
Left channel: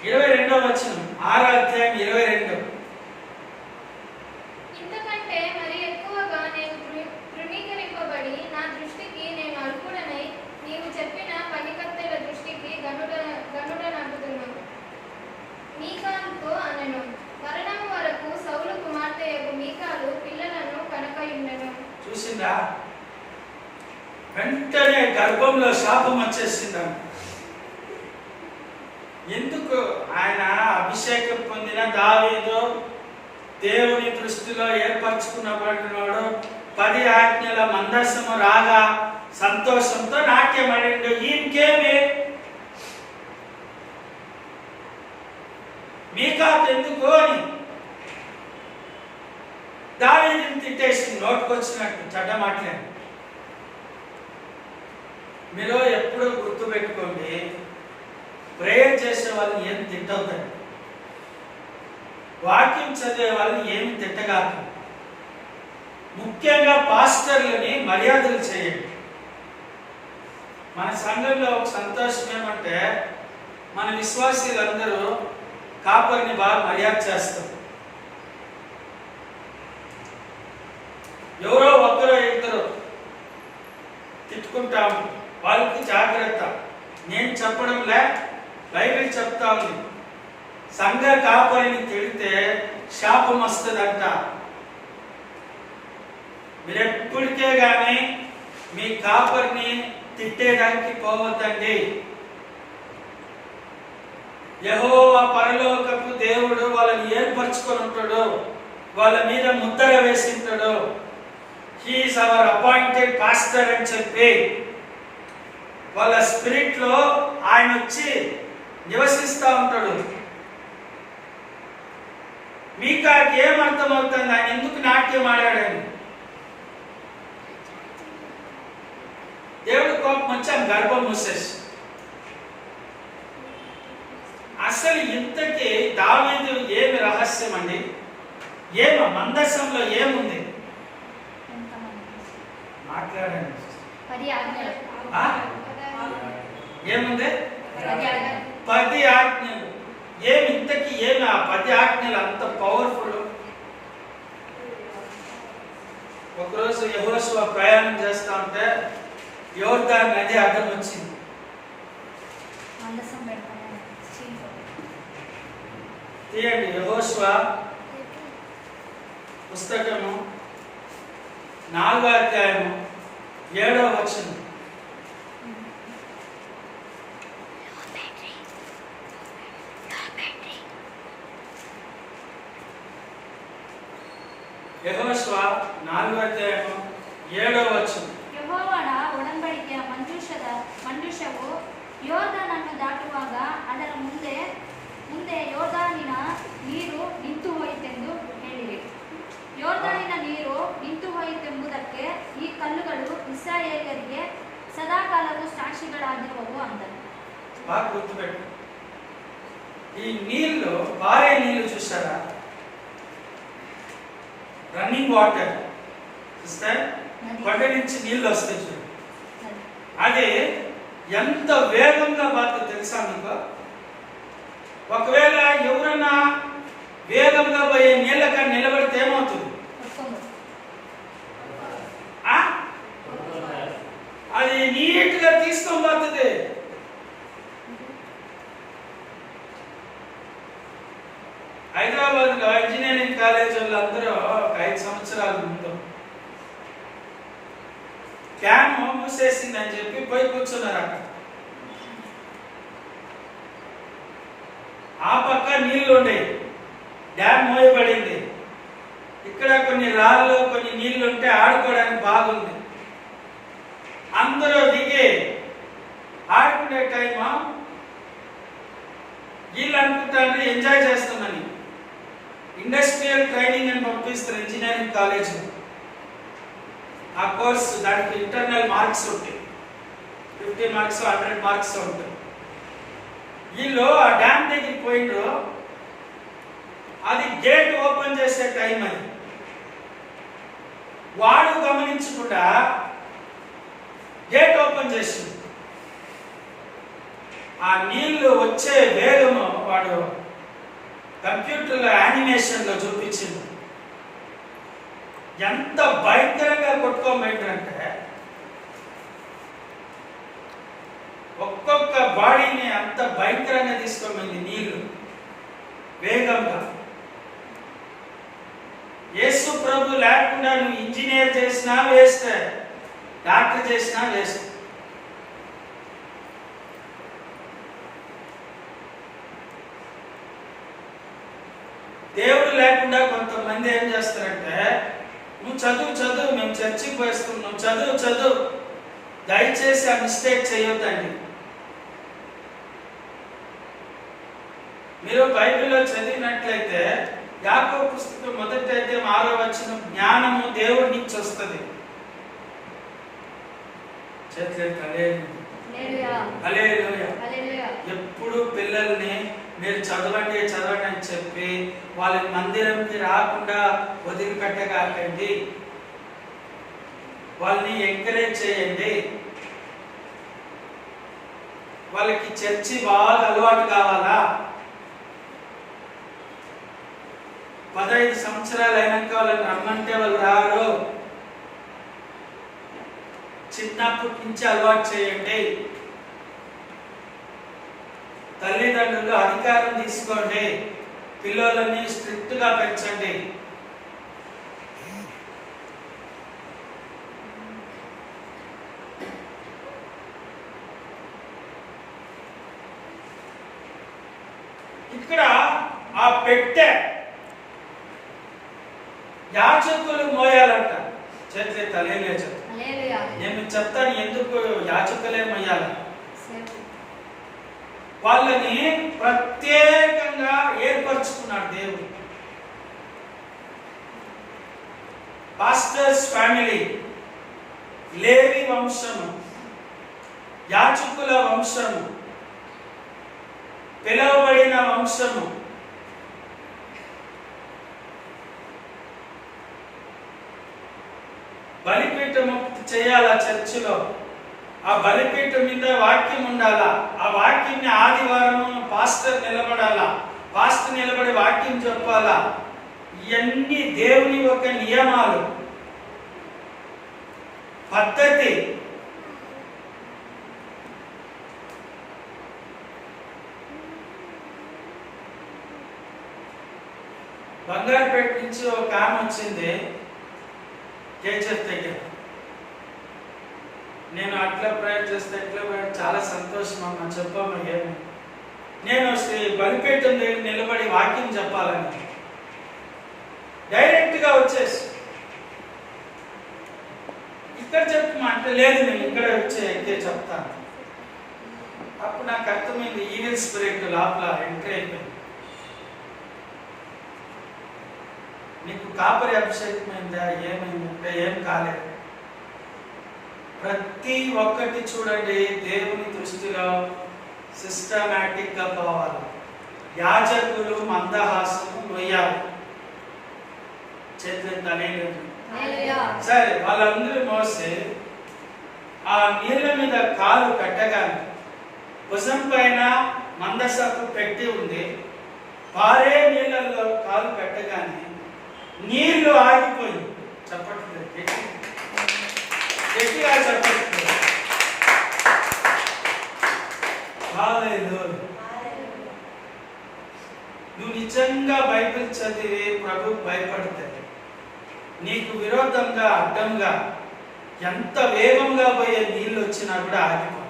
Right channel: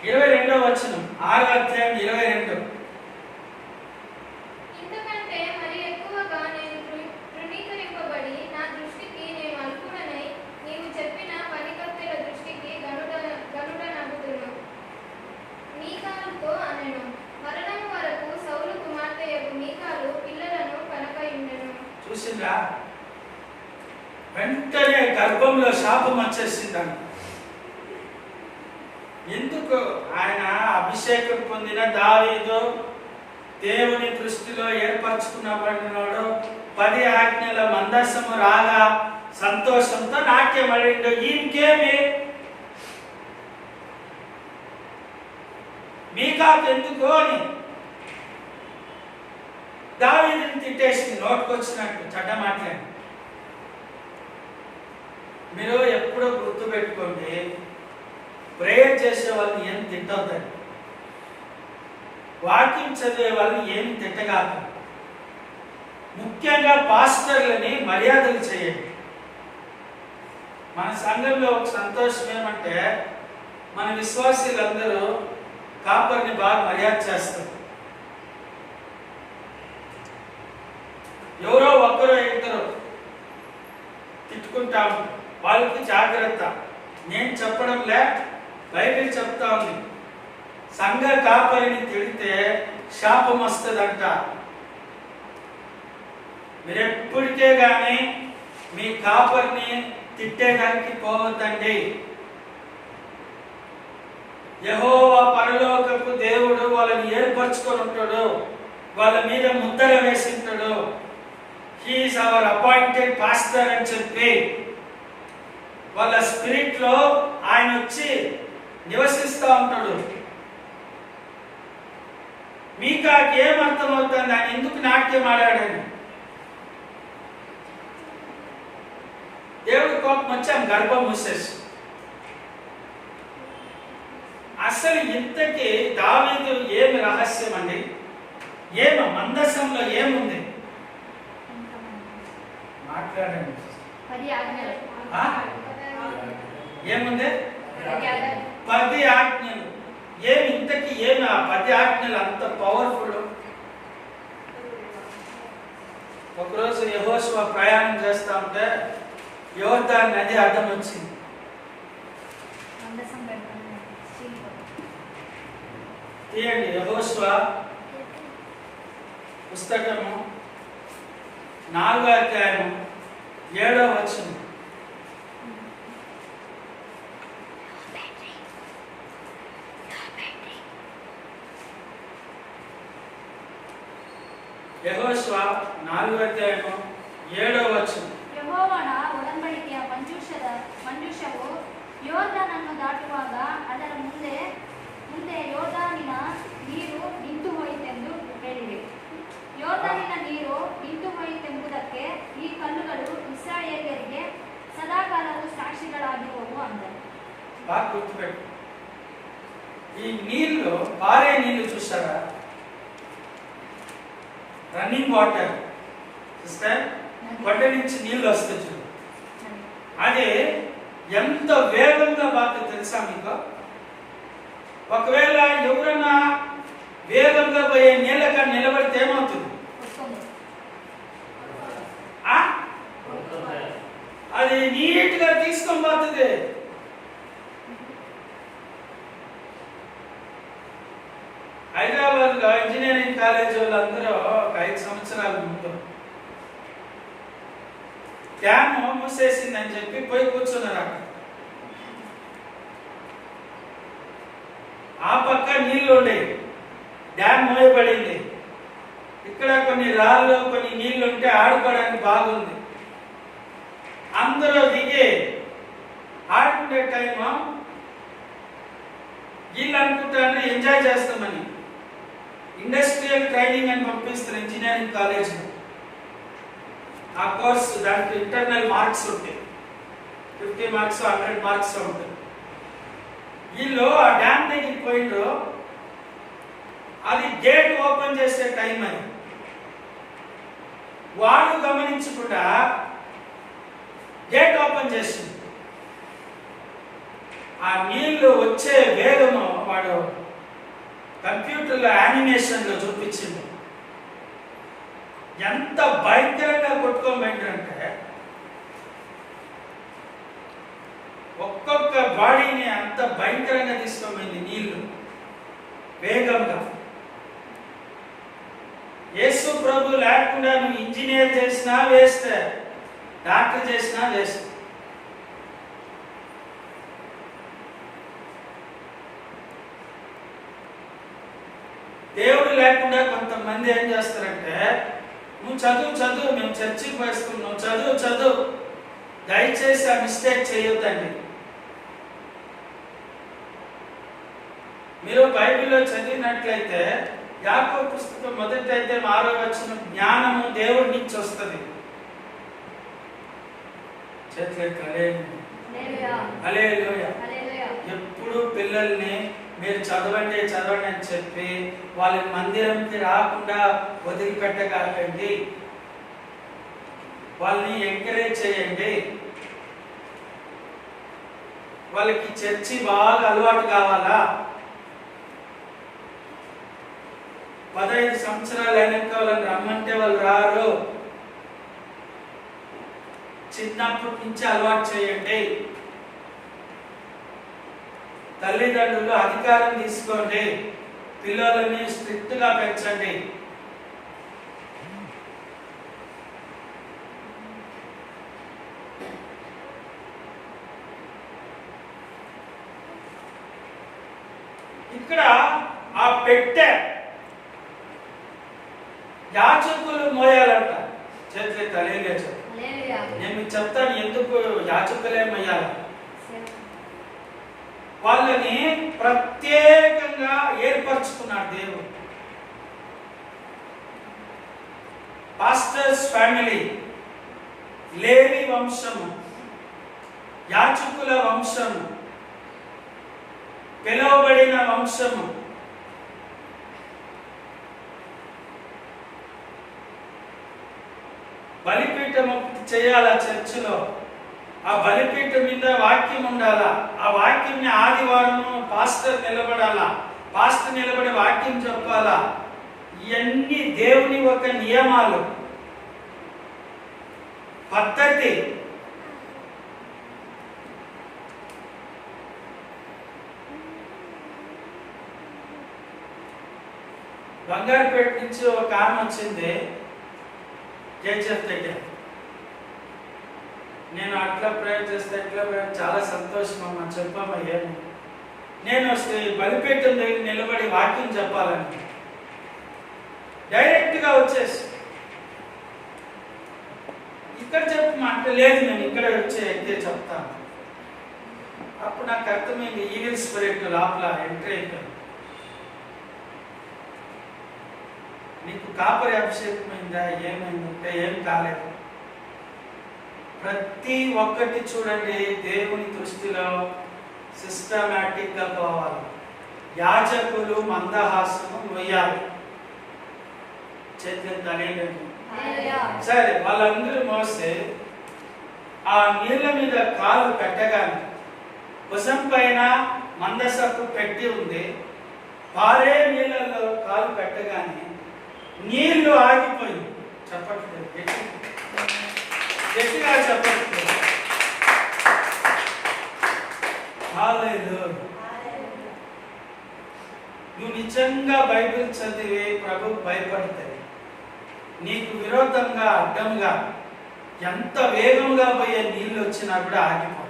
22వ వచనం, 6వ అధ్యాయం 22. ఇంతకంటే చూసిందా? వెంటనే గర్భంలో శాపం వచ్చేసిందంట. ఎందుకు? ఆయన అభిషేకం పొందిన దావీదు దేవుని దృష్టిలో ఏర్పరచుకున్నబడినవాడు 10 ఆజ్ఞల మందసము రాగా సంతోషంతో నాట్యమడిండు. ఈయనకేమి మీకాకెందుకు అని దావీదుని తిట్టేసి నోటుకొచ్చినట్టు చెడ్డ మాట్లాడి. మీరు ఎప్పుడూ గుర్తుపెట్టుకోండి, ప్రేయర్ చేసే వాళ్ళని ఏం తిట్టవుతారు, వాక్యం చదివే వాళ్ళని ఏమి తిట్టగాదు. ముఖ్యంగా పాస్టర్లని మర్యాదలు చేయండి. మన సంఘంలో ఒక సంతోషం ఏమంటే మన విశ్వాసులందరూ కాపర్ని బాగా మర్యాద చేస్తారు. ఎవరో ఒక్కరో ఇద్దరు తిట్టుకుంటాము, వాళ్ళకి జాగ్రత్త. నేను చెప్పడంలే, బైబిల్ చెప్తా ఉంది. సంఘ కాపరిని తిడితే శాపం వస్తుందంట. మీరెప్పటికే గాని మీ కాపరిని తిట్టేదానికి పోవద్దండి. యెహోవా పరలోకపు దేవుడు వాళ్ళని ఏర్పరచుకొని ఉంటాడు, వాళ్ళ మీద ముద్ర వేసి ఉంటాడు. హీఈస్ అవర్ అపాయింటెడ్ పాస్టర్ అని చెప్పి వాళ్ళ స్పిరిట్ లో ఆయన వచ్చి నివసిస్తూ ఉంటాడు. మీకు ఏం అర్థమవుతుంది ఆయన ఎందుకు నాట్యం ఆడాడని? దేవుడు కోపం వచ్చి ఆయన గర్భం మూసేసి. అసలు ఇంతకీ దావీదు ఏమి రహస్యం అండి? మందసంలో ఏముంది? మాట్లాడండి. 10 ఆజ్ఞలు. ఏముంది? 10 ఆజ్ఞలు. ఇంతకీ ఏమి ఆ 10 ఆజ్ఞలు అంత పవర్ఫుల్? ఒకరోజు యెహోషువ ప్రయాణం చేస్తా ఉంటే యోర్దాను నది అడ్డం వచ్చింది. తీయండి యెహోషువ పుస్తకము 4వ అధ్యాయము 7వ వచనం. యెహోషువ 4వ అధ్యాయము 7వ వచనం. ಯೆಹೋವನ ಒಡಂಬಡಿಕೆಯ ಮಂಜೂಷವು ಯೋರ್ದಾನನ್ನು ದಾಟುವಾಗ ಅದರ ಮುಂದೆ ಯೋರ್ದಾನಿನ ನೀರು ನಿಂತು ಹೋಯಿತೆಂದು ಹೇಳಿರಿ. ಯೋರ್ದಾನಿನ ನೀರು ನಿಂತು ಹೋಯಿತೆಂಬುದಕ್ಕೆ ಈ ಕಲ್ಲುಗಳು ಇಸ್ರಾಯೇಲ್ಯರಿಗೆ ಸದಾಕಾಲವು ಸಾಕ್ಷಿಗಳಾಗಿರುವವು ಅಂದರು. బాగా గుర్తుపెట్టు. ఈ నీళ్లు పారే నీళ్లు చూసారా? రన్నింగ్ వాటర్ చూస్తే కొండ నుంచి నీళ్ళు వస్తాయి చూడు. అది ఎంత వేగంగా బాగా తెలుసా మీకు? ఒకవేళ ఎవరైనా వేగంగా పోయే నీళ్ళగా నిలబడితే ఏమవుతుంది? అది నీట్ గా తీసుకొని పోతుంది. హైదరాబాద్ లో ఇంజనీరింగ్ కాలేజ్ వాళ్ళందరూ ఒక 5 సంవత్సరాల ముందు డ్యామ్ మూసేసిందని చెప్పి పోయి కూర్చున్నారు. అక్కడ ఆ పక్క నీళ్లు ఉండేవి, డ్యామ్ మోయబడింది. ఇక్కడ కొన్ని రాళ్ళు కొన్ని నీళ్లు ఉంటే ఆడుకోవడానికి బాగుంది. అందరూ దిగి ఆడుకునే టైము వీళ్ళు అనుకుంటారు ఎంజాయ్ చేస్తామని. ఇండస్ట్రియల్ ట్రైనింగ్ అని పంపిస్తారు ఇంజనీరింగ్ కాలేజ్లో. ఆ కోర్సు దానికి ఇంటర్నల్ మార్క్స్ ఉంటాయి, 50 మార్క్స్ 100 మార్క్స్ ఉంటాయి. వీళ్ళు ఆ డ్యామ్ దగ్గరికి పోయిండ్రు. అది గేట్ ఓపెన్ చేసే టైం అది. వాడు గమనించకుండా గేట్ ఓపెన్ చేసింది. ఆ నీళ్లు వచ్చే వేగము వాడు కంప్యూటర్లో యానిమేషన్లో చూపించింది. ఎంత భయంకరంగా కొట్టుకోబెట్టారంటే ఒక్కొక్క బాడీని అంత భయంకరంగా తీసుకోమైంది నీళ్లు వేగంగా. యేసు ప్రభు లేకుండా నువ్వు ఇంజనీర్ చేసినా వేస్ట్, డాక్టర్ చేసినా వేస్ట్. దేవుడు లేకుండా కొంతమంది ఏం చేస్తారంటే, నువ్వు చదువు మేము చర్చికి పోయిస్తాం, నువ్వు చదువు దయచేసి ఆ మిస్టేక్ చేయొద్దండి. మీరు బైబిల్లో చదివినట్లయితే యాకోబు పుస్తకం 1వ అధ్యాయం 6వ వచనం, జ్ఞానము దేవుడి నుంచి వస్తుంది. హల్లెలూయా. ఎప్పుడు పిల్లల్ని మీరు చదవండి అని చెప్పి వాళ్ళని మందిరంకి రాకుండా వదిలిపెట్టకండి. వాళ్ళని ఎంకరేజ్ చేయండి. వాళ్ళకి చర్చి బాగా అలవాటు కావాలా. 15 సంవత్సరాలు అయినాక వాళ్ళని రమ్మంటే వాళ్ళు రారు. చిన్నప్పటి నుంచి అలవాటు చేయండి. తల్లిదండ్రులు అధికారం తీసుకోండి. పిల్లలని స్ట్రిక్ట్ గా పెంచండి. ఇక్కడ ఆ పెట్టె యాచకులు మోయాలంట. చేతులే తలేలేచు. నేను మీకు చెప్తాను ఎందుకు యాచకులే మోయాల. వాళ్ళని ప్రత్యేకంగా ఏర్పరచుకున్నాడు దేవుడు. పాస్టర్స్ ఫ్యామిలీ, లేవి వంశము, యాచకుల వంశము, పిలువబడిన వంశము. బలిపీఠం చేయాలా చర్చిలో. ఆ బలిపీఠం మీద వాక్యం ఉండాలా. ఆ వాక్యంని ఆదివారము పాస్టర్ నిలబడాలా. పాస్టర్ నిలబడి వాక్యం చెప్పాలా. ఇవన్నీ దేవుని ఒక నియమాలు, పద్ధతి. బంగారుపేట నుంచి ఒక ఆమె వచ్చింది జయచర్ దగ్గర. నేను అట్లా ప్రేయర్ చేస్తే ఎట్లా చాలా సంతోషం అమ్మా, చెప్పమ్మా ఏమి. నేను బలిపీఠం దగ్గర నిలబడి వాక్యం చెప్పాలని డైరెక్ట్గా వచ్చేసి ఇక్కడ చెప్పమా అంటే, లేదు నేను ఇక్కడ వచ్చి అయితే చెప్తాను. అప్పుడు నాకు అర్థమైంది, ఈవిల్ స్పిరిట్ లోపల ఎంట్రీ అయిపోయింది. నీకు కాపరి అభిషేకమైందా ఏమైందంటే ఏం కాలేదు. ప్రతి ఒక్కటి చూడండి దేవుని దృష్టిలో సిస్టమాటిక్ గా పోవాలి. యాజకులు మందహాసము మొయ్యాలి. చేతులు తనేలేదు. సరే వాళ్ళందరూ మోసే ఆ నీళ్ళ మీద కాలు పెట్టగానే భుజం పైన మందసపు పెట్టి ఉంది. పారే నీళ్ళల్లో కాలు పెట్టగానే నీళ్లు ఆగిపోయి. చెప్పట్లేదు, గట్టిగా చెప్పట్లేదు. నువ్వు నిజంగా బైబిల్ చదివి ప్రభు భయపడతాయి. నీకు విరోధంగా అడ్డంగా ఎంత వేగంగా పోయే నీళ్ళు వచ్చినా కూడా ఆగిపోతాయి.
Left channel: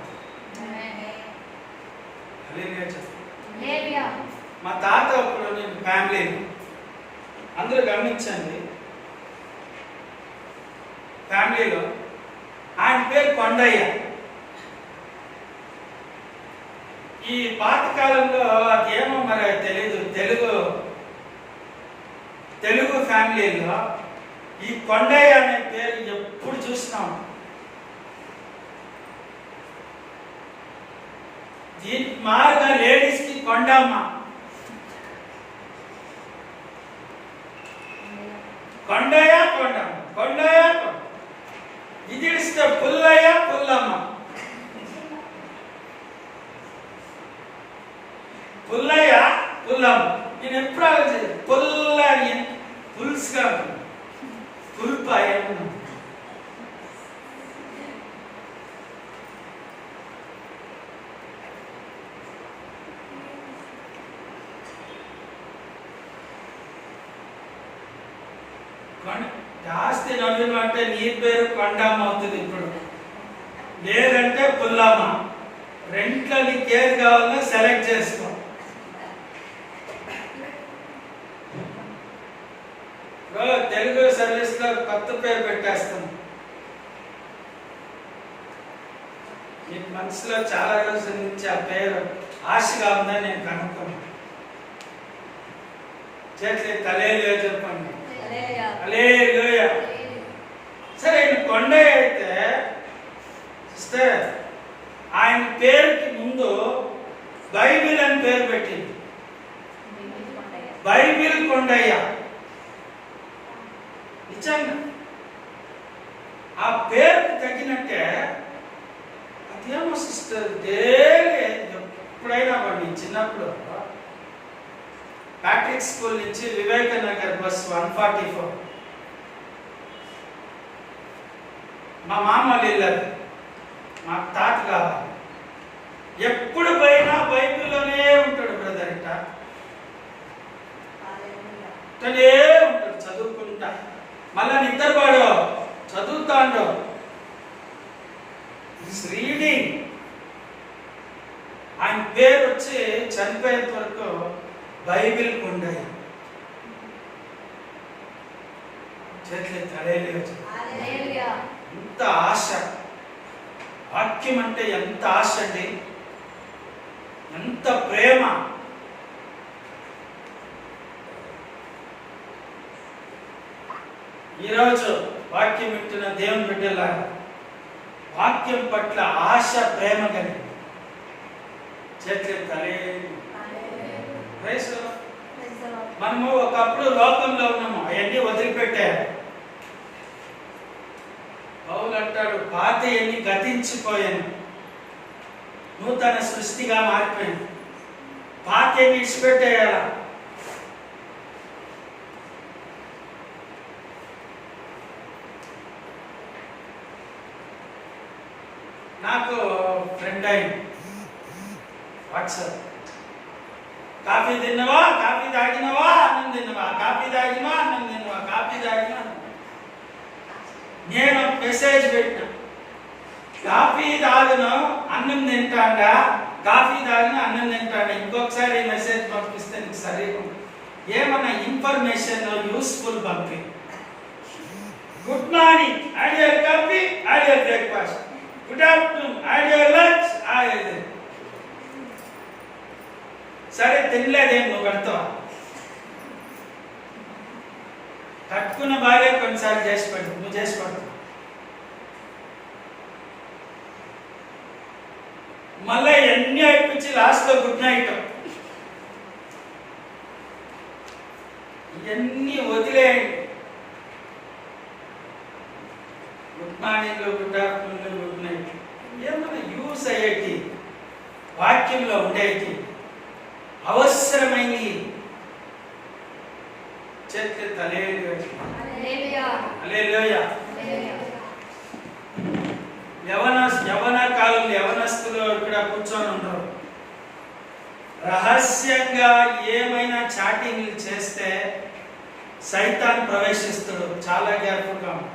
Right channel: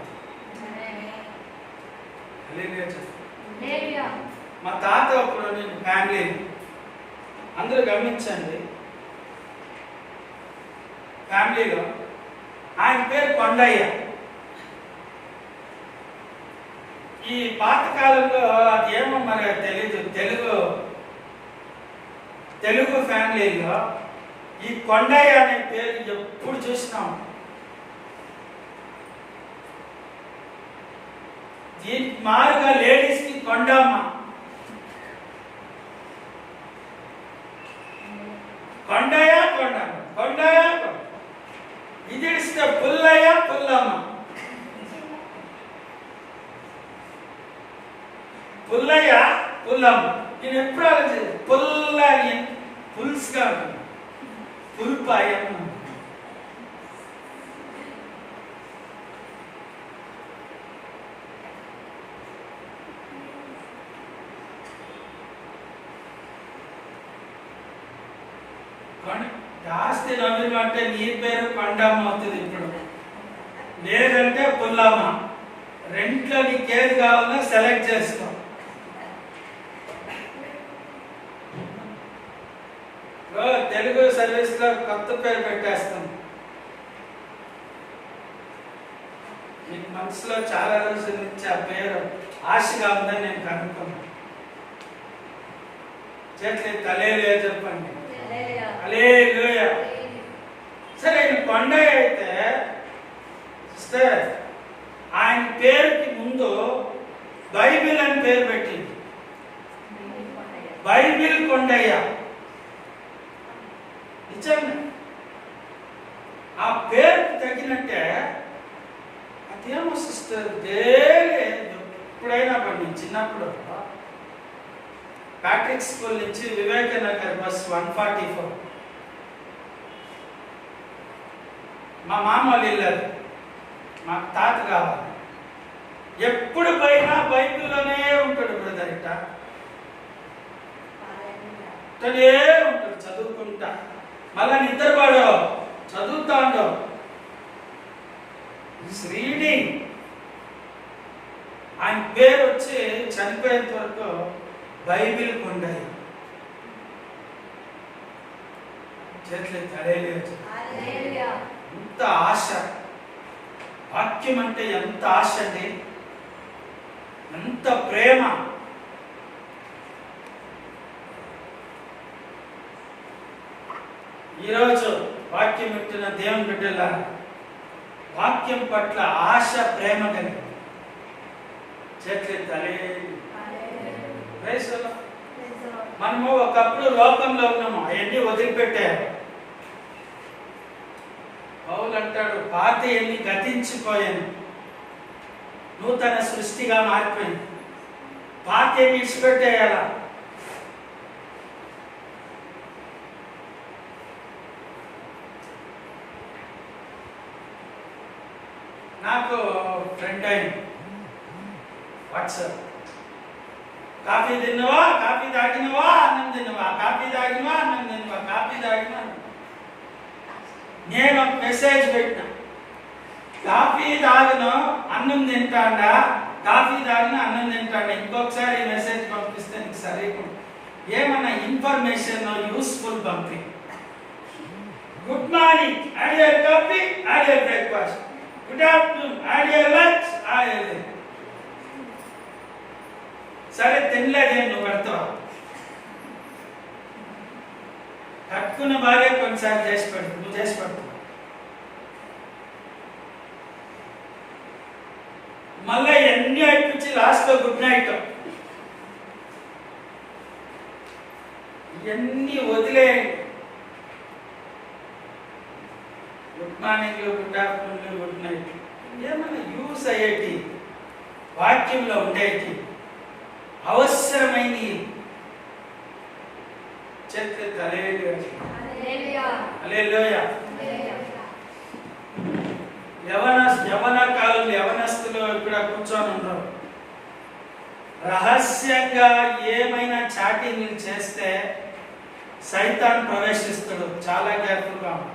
మా తాత అప్పుడు నేను ఫ్యామిలీ అందరూ గమనించండి, ఫ్యామిలీలో ఆయన పేరు కొండయ్య. ఈ పాతకాలంలో అదేమో మరి తెలీదు, తెలుగు ఫ్యామిలీలో ఈ కొండయ్య అనే పేరు ఎప్పుడు చూసినాం. దీనికి మారుగా లేడీస్ కి కొండమ్మ, కొండయ్య కొండమ్మ, కొండయ్య ఇది ఇస్తే పుల్లయ్య పుల్లమ్మ, పుల్లయ్య పుల్లమ్మ. నేను ఎప్పుడు ఆలోచించదు, పుల్ల పులుసుగా ఉంటుంది, పుల్పాయ. ఆస్తి నలుగురు అంటే నీ పేరు కొండమ్మ అవుతుంది ఇప్పుడు, లేదంటే పుల్లమ్మ. రెంట్లో నీకు ఏది కావాలో సెలెక్ట్ చేసుకో. తెలుగు సర్వీస్ లో కొత్త పేరు పెట్టేస్తాం. మీకు మనసులో చాలా రోజుల నుంచి ఆ పేరు ఆశగా ఉందని నేను కనుక్కున్నాను. చేతులు హల్లెలూయా చెప్పండి. హల్లెలూయా. సరే, ఆయన కొండయ్య అయితే సిస్టర్, ఆయన పేరుకి ముందు బైబిల్ అని పేరు పెట్టింది. బైబిల్ కొండయ్య. నిజంగా ఆ పేరుకి తగినట్టే అదేమో సిస్టర్ డైలీ ఎప్పుడైనా బండి చిన్నప్పుడు ప్యాట్రిక్ స్కూల్ నుంచి వివేకనగర్ బస్ 144 మా మామ వెళ్ళారు, మా తాత కావాలి. ఎప్పుడు పోయినా బైబిల్లోనే ఉంటాడు బ్రదర్. ఇట్టనే ఉంటాడు చదువుకుంటా, మళ్ళా నిద్రపోడు, చదువుతాడు. రీడింగ్. ఆయన పేరు వచ్చి చనిపోయేంత వరకు బైబిల్ కొండయ్య. చేతులు హల్లెలూయా. ఎంత ఆశ, వాక్యం అంటే ఎంత ఆశ అండి, ఎంత ప్రేమ. ఈరోజు వాక్యం పెట్టిన దేవుని బిడ్డల వాక్యం పట్ల ఆశ, ప్రేమ కలిగి చేతులు హల్లెలూయా. మనము ఒకప్పుడు లోకంలో ఉన్నాము, అవన్నీ వదిలిపెట్టారు. పౌలు అంటాడు, పాత ఎన్ని గతించిపోయాను, నూతన సృష్టిగా మారిపోయింది. పాత ఎన్ని ఇచ్చిపెట్టేయాల. నాకు ఫ్రెండ్ అయింది వాట్సాప్. కాఫీ తిన్నవా, కాఫీ తాగినవా, అన్నం తిన్నవా, కాఫీ తాగినవా, అన్నం తిన్నవా, కాఫీ తాగినా. నేను మెసేజ్ పెట్టిన, కాఫీ తాగిన అన్నం తింటాడా, కాఫీ తాగిన అన్నం తింటాడా. ఇంకొకసారి మెసేజ్ పంపిస్తే నీకు సరిగా ఏమన్నా ఇన్ఫర్మేషన్ యూస్ఫుల్ పంపి. Good morning, had your coffee, had your breakfast. Good afternoon, had your lunch, had. సరే తినలేదే, నువ్వు పెడతావా? కట్టుకున్న భార్య కొన్నిసార్లు చేసి పెడతావు, నువ్వు చేసి పెడతావు. మళ్ళీ ఎన్ని అయిపించి లాస్ట్ లో గుడ్ నైట్. ఇవన్నీ వదిలేయండి. Good morning, good afternoon, good night ఏమన్నా యూస్ అయ్యేటి, వాక్యంలో ఉండేటి, అవసరమైనవి. చేతులు హల్లెలూయా. యవన కాలంలో యవనస్తులు ఇక్కడ కూర్చొని ఉన్నారు. రహస్యంగా ఏమైనా చాటింగ్లు చేస్తే సైతాన్ ప్రవేశిస్తాడు. చాలా కేర్ఫుల్గా ఉంటాడు.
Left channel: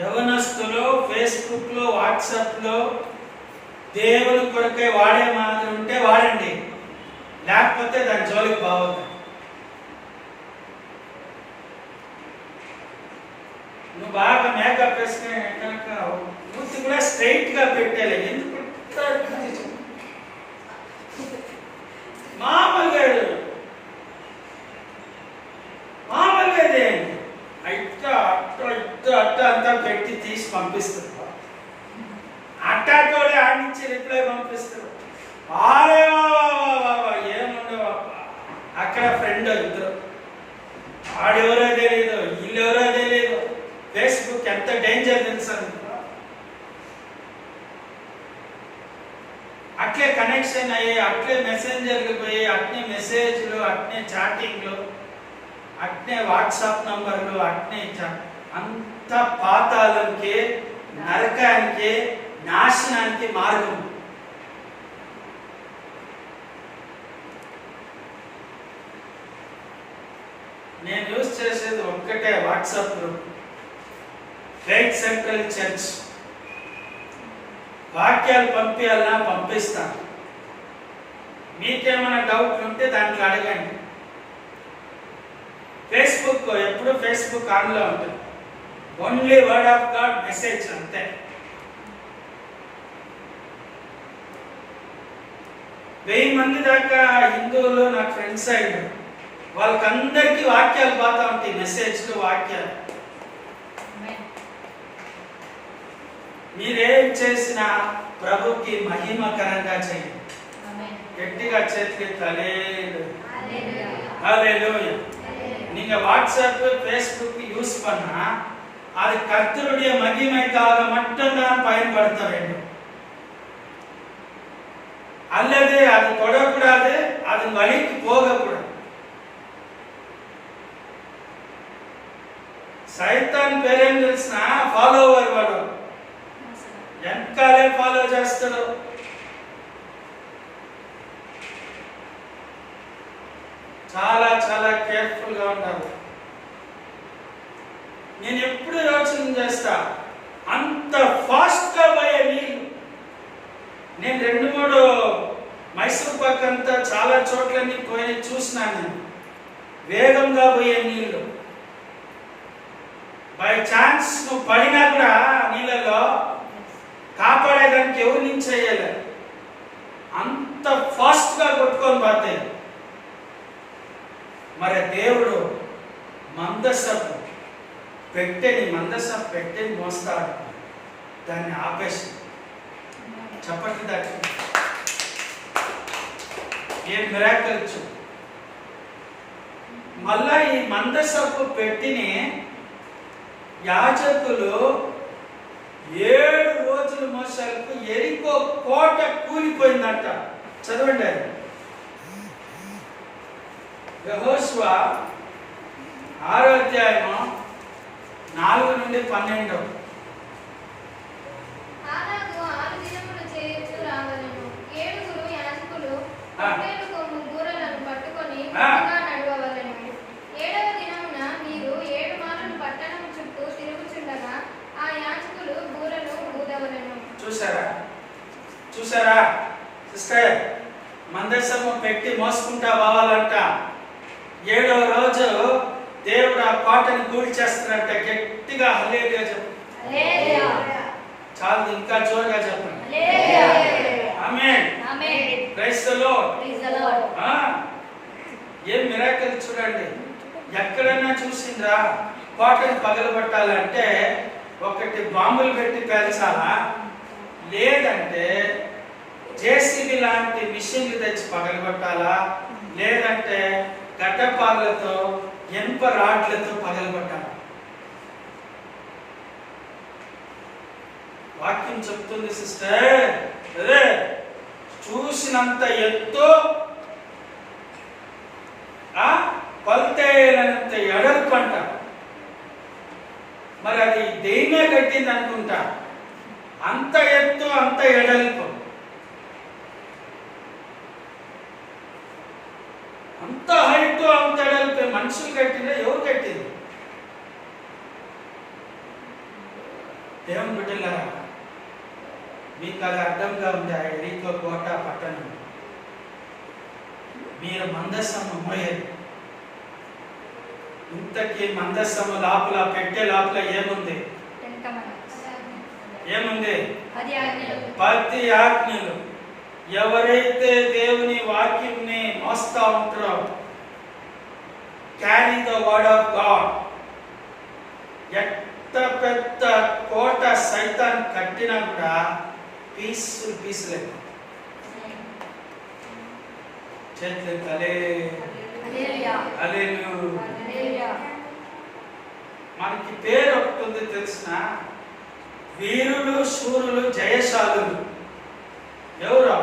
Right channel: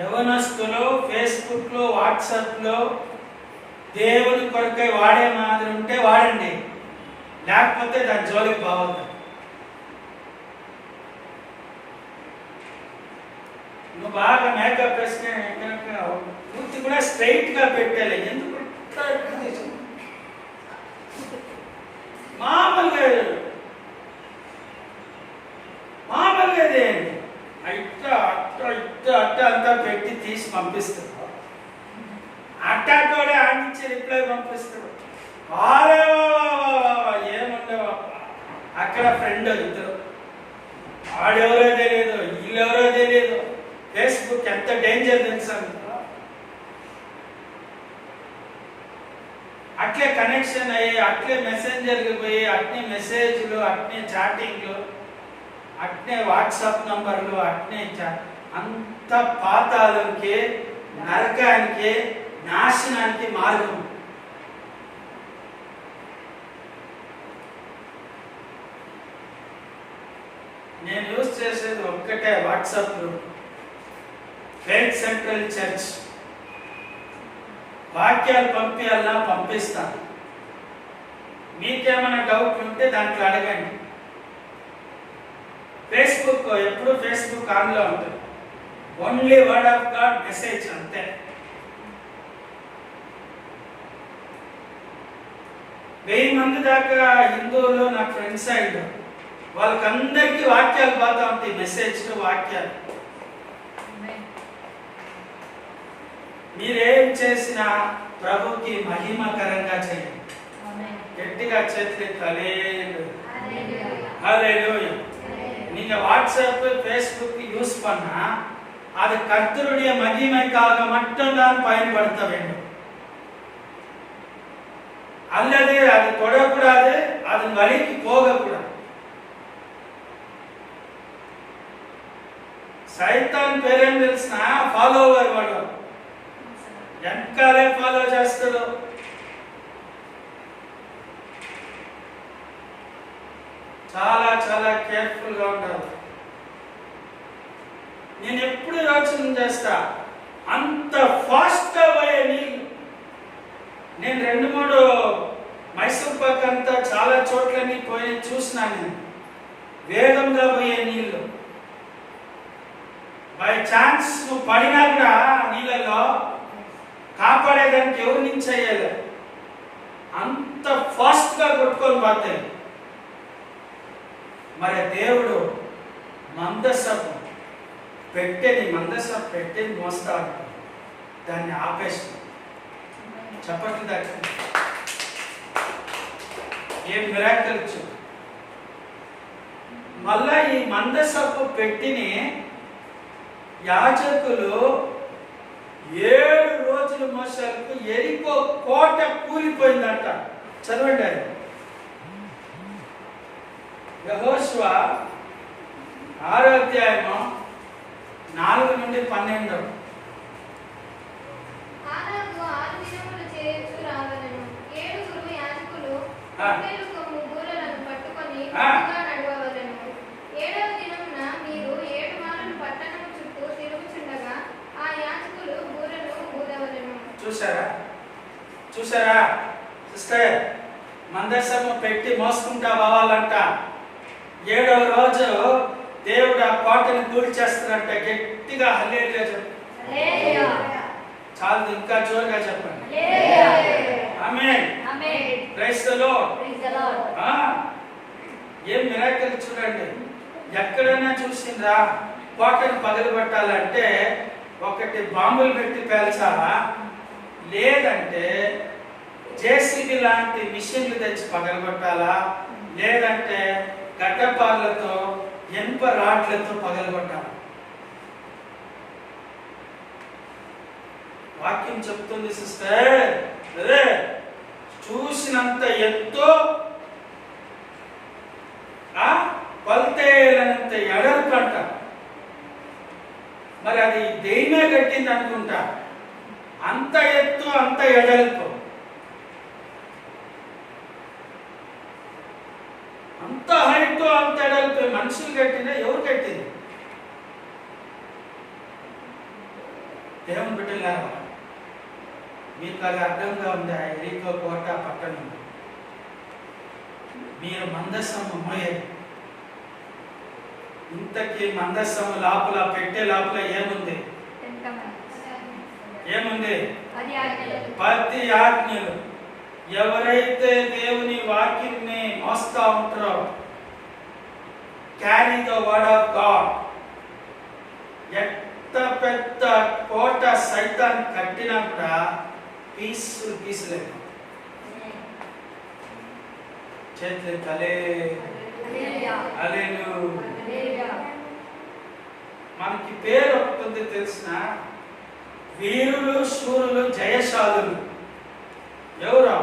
యవనస్తులు ఫేస్బుక్ లో, వాట్సాప్ లో దేవుని కొరకై వాడే మాదిరి ఉంటే వాడండి, లేకపోతే దాని జోలికి బాగుంది. నువ్వు బాగా మేకప్ వేసుకుని కనుక మూర్తి కూడా స్ట్రైట్ గా పెట్టాలి. ఎందుకు మామూలుగా అదే అట్ట అంతా పెట్టి తీసి పంపిస్తారు. అట్టాటోడే ఆడి నుంచి రిప్లై పంపిస్తారు. ఏముండవు అక్కడ. ఫ్రెండ్ ఇద్దరు, ఆడెవరో తెలియదు, వీళ్ళెవరో తెలియదు. ఫేస్బుక్ ఎంత డేంజర్ తెలుసా? అట్లే కనెక్షన్ అయ్యి, అట్లే మెసెంజర్కి పోయి, అట్నే మెసేజ్లు, అట్నే చాటింగ్లు, అట్నే వాట్సాప్ నంబర్లు, అట్నే అంత పాతాళంకి, నరకానికి, నాశనానికి మార్గం. నేను యూజ్ చేసేది ఒక్కటే WhatsApp group, faith central church. వాక్యాలు పంపించాలన్నా పంపిస్తాను. మీకేమైనా డౌట్లు ఉంటే దాంట్లో అడగండి. ఫేస్బుక్ ఎప్పుడు ఫేస్బుక్ ఆన్లో ఉంటుంది. Only word of God message అంతే. వెయ్యి మంది దాకా హిందువులు నా ఫ్రెండ్స్ అయ్యారు. వాళ్ళకందరికీ వాక్యాలు పోతా ఉంటాయి, మెసేజ్లు వాక్యాలు. మీరేం చేసినా ప్రభుకి మహిమకరంగా చేయండి. గట్టిగా చేతులు హల్లెలూయా. நீங்க வாட்ஸ்அப் ஃபேஸ்புக் யூஸ் பண்ணா அது கர்த்தருடைய மகிமைக்காக மட்டும்தான் பயன்படுத்த வேண்டும். அல்லது அது தொடக்கூடாது, அது வழிக்கு போகக்கூடாது. సైతాన్ పేరేం తెలిసిన ఫాలోవర్ వాడు వెనకాలే ఫాలో చేస్తాడు. చాలా చాలా కేర్ఫుల్ గా ఉండాలి. నేను ఎప్పుడు యోచన చేస్తా, అంత ఫాస్ట్ గా పోయే నీళ్ళు. నేను 2-3 మైసూర్ పాక్ అంతా చాలా చోట్లన్నీ పోయి చూసినాను. నేను వేగంగా పోయే నీళ్ళు. బై ఛాన్స్ నువ్వు పడినా కూడా నీళ్ళలో కాపాడేదానికి ఎవరి నుంచి అయ్యేది, అంత ఫాస్ట్ గా కొట్టుకొని పోతాయి. మరి దేవుడు మందసపు పెట్టెని మోస్తాడు, దాన్ని ఆపేసి చప్పట్లు దాకా ఏం మిరాకిల్ ఇచ్చు. మళ్ళా ఈ మందసపు పెట్టిని యాజకులు 7 రోజులు మోసాలకు ఎరికో కోట కూలిపోయిందంట. చదవండి. యెహోషువ 6వ అధ్యాయము 4 నుండి 12. ఆనాడు 6 దినములు చేయుచు రావలెను. 7 యాజకులు 7 గూరలను పట్టుకొని ముందుగా నడవవలెను. 7వ దినమున మీరు 7 మార్లు పట్టణం చుట్టూ తిరుగుచుండగా ఆ యాజకులు గూరలు ఊదవలెను. చూసారా సిస్టర్, మందసము పెట్టి మోసుకుంటా పోవాలంట. 7వ రోజు దేవుడు ఆ కోటని కూల్చేస్తారంట. గట్టిగా హల్లెలూయా చెప్పండి. చాలు, ఇంకా జోరుగా చెప్పండి. ఆమేన్. Praise the lord. ఏం మిరాకిల్ చూడండి. ఎక్కడైనా చూసిండ్రా కోటని పగలగొట్టాలంటే ఒకటి బాంబులు పెట్టి పేల్చాలా, లేదంటే జేసీబీ లాంటి మిషన్లు తెచ్చి పగలగొట్టాలా, లేదంటే గడ్డపార్లతో ఇనుప రాడ్లతో పగలగొట్టాలి. వాక్యం చెప్తుంది సిస్టర్, అదే చూసినంత ఎత్తు కొలతేలనంత ఎడల్పు అంట. మరి అది దెయ్యమే కట్టింది అనుకుంటా. అంత ఎత్తు అంత ఎడల్పు, అంత హైట్ అంత ఎడల్పు మనుషులు కట్టినా ఎవరు కట్టింది? దేవుని బిడ్డలారా, మీకు అది అర్థంగా ఉంది. ఆ ఎరికో కోట పట్టణం మీరు మందసము మోయరు. ఇంతకీ మందసము లోపల పెట్టే లోపల ఏముంది? 10 ఆజ్ఞలు. ఎవరైతే దేవుని వాక్యంని మోస్తా ఉంటారో, carry the word of God. ఎంత పెద్ద కోట సైతాన్ కట్టినా కూడా పీసులు చేతులు తలే. మనకి పేరు ఒకటి ఉంది తెలిసిన, వీరులు శూరులు జయశాలులు. ఎవరో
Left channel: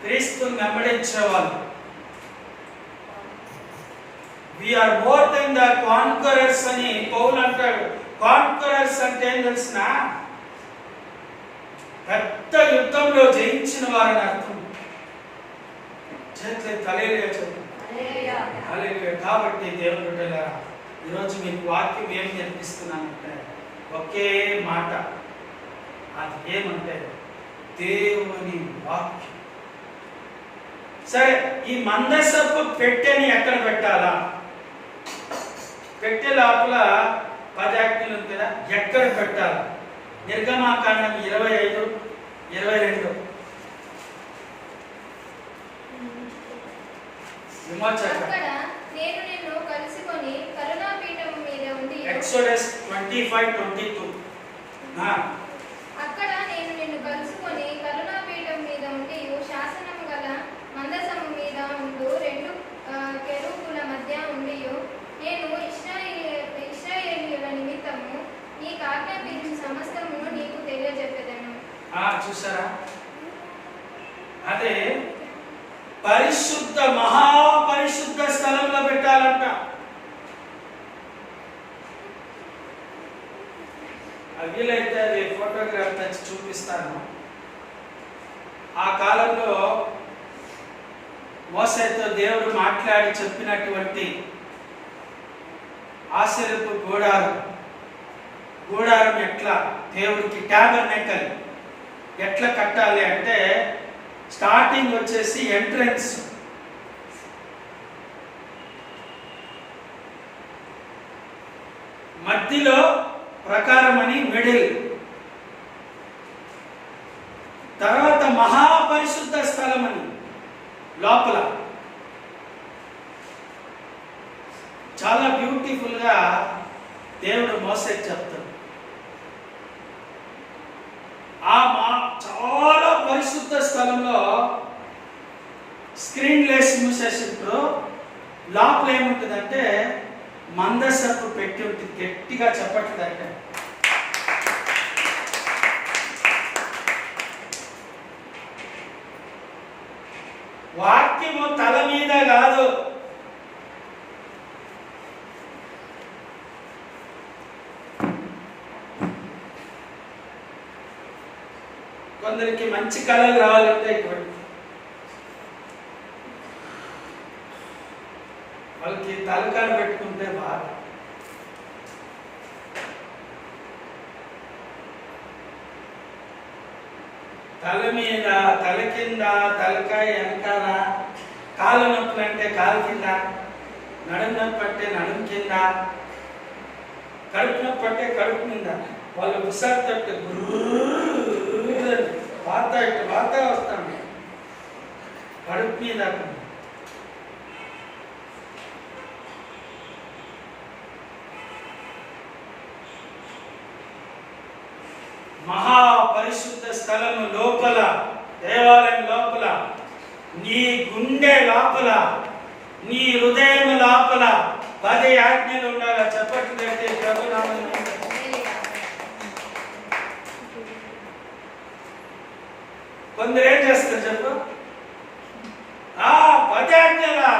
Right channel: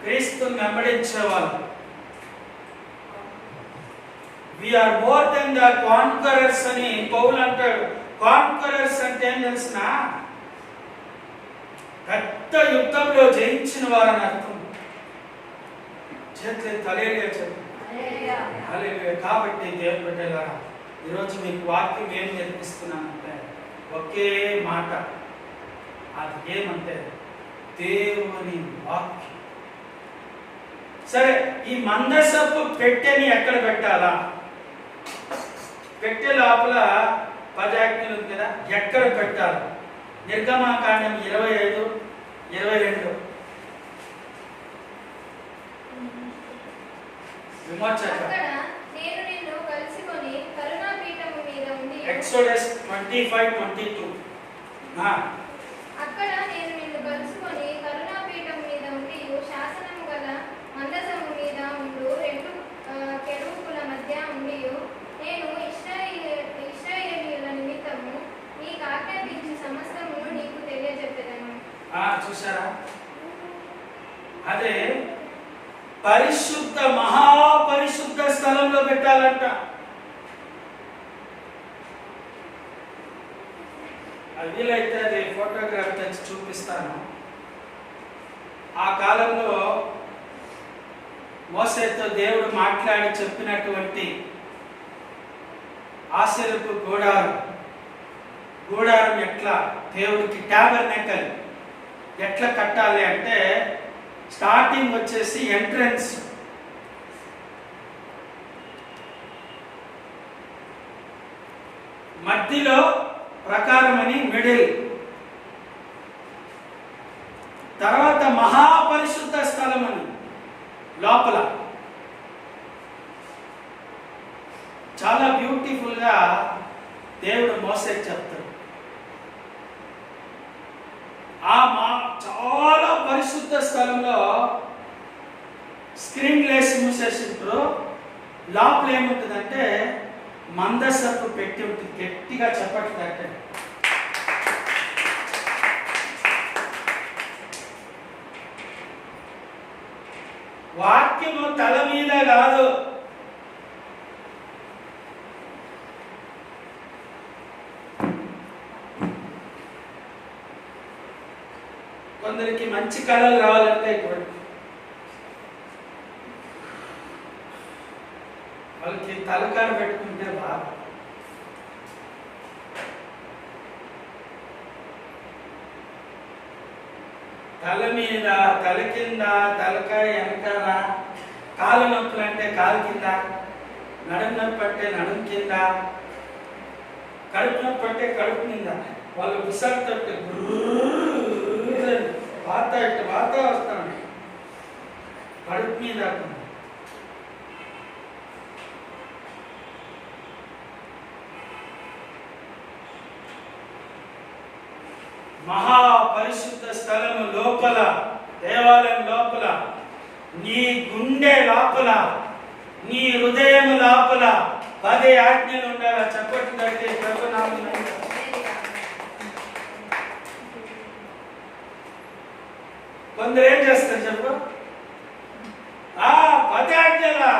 క్రీస్తుని వెంబడించే వాళ్ళు. We are more than the conquerors అని పౌలు అంటాడు. కాన్కరర్స్ అంటే ఏం తెలిసిన, పెద్ద యుద్ధంలో జయించిన వారని అర్థం. చేతులు తలేగా చెప్పు. హల్లెలూయా. కాబట్టి దేవుని బిడ్డలారా, ఈరోజు మీకు వాక్యం ఏం నేర్పిస్తున్నానంటే ఒకే మాట, అది ఏమంటే దేవుని వాక్యం. సరే, ఈ మందసపు పెట్టెని ఎక్కడ పెట్టాలా? పెట్టె లోపల 10 ఆజ్ఞలు ఉంది కదా, ఎక్కడ పెట్టాలి? నిర్గమాకాండం 25:22 విమోచక. అక్కడ నేను నిన్ను కలుసుకొని కరుణాపీఠము మీద ఉండి ఎక్సోడస్ 25:22. అక్కడ నేను నిన్ను కలుసుకొని కరుణాపీఠం మీద ఉండి శాసనము గల మందసము మీద ఉండు 2 కెరూబుల మధ్య ఉండి నేను ఇశ్రాయేలీయుల నిమిత్తము నీకు ఆజ్ఞాపించిన సమస్తమును నీకు తెలియజెప్పెదను. చూసారా? అదే పరిశుద్ధ మహాపరిశుద్ధ స్థలంలో పెట్టాలంట. వీలైతే అది ఫోటోగ్రాఫ్ తెచ్చి చూపిస్తాను. ఆ కాలంలో మోసేతో దేవుడు మాట్లాడి చెప్పినటువంటి ఆశీర్వపు గూడారం ఎట్లా దేవుడికి టాబర్నకల్ ఎట్లా కట్టాలి అంటే, స్టార్టింగ్ వచ్చేసి ఎంట్రన్స్, మధ్యలో ప్రకారం అని మిడిల్, తర్వాత మహాపరిశుద్ధ స్థలం అని లోపల. చాలా బ్యూటిఫుల్ గా దేవుడు మోసేకి చెప్తాడు. చాలా పరిశుద్ధ స్థలంలో స్క్రీన్ లేసి మూసేసింటారు. లోపల ఏముంటుందంటే మందసపు పెట్టి ఉంటుంది. గట్టిగా చెప్పట్లేదంటే వాక్యము తల మీద కాదు, కొందరికి మంచి కళలు రావాలంటే ఇటువంటి వాళ్ళకి తలకాడ పెట్టుకుంటే బాగా. తల మీద, తల కింద, తలకాయ వెనకాల, కాళ్ళ నొప్పులు అంటే కాలు కింద, నడుము నొప్పి అంటే నడుము కింద, కడుపు నొప్పి అంటే కడుపు మీద. వాళ్ళు విసర్తట్టు వాత వస్తాను కడుపు మీద. మహాపరిశుద్ధ స్థలము లోపల, దేవాలయం లోపల, నీ గుండె లోపల, నీ హృదయం లోపల 10 ఆజ్ఞలు ఉండాలి. చెప్పట్లంటే ప్రభునామం. కొందరు ఏం చేస్తారు చెప్పు? 10 ఆజ్ఞలా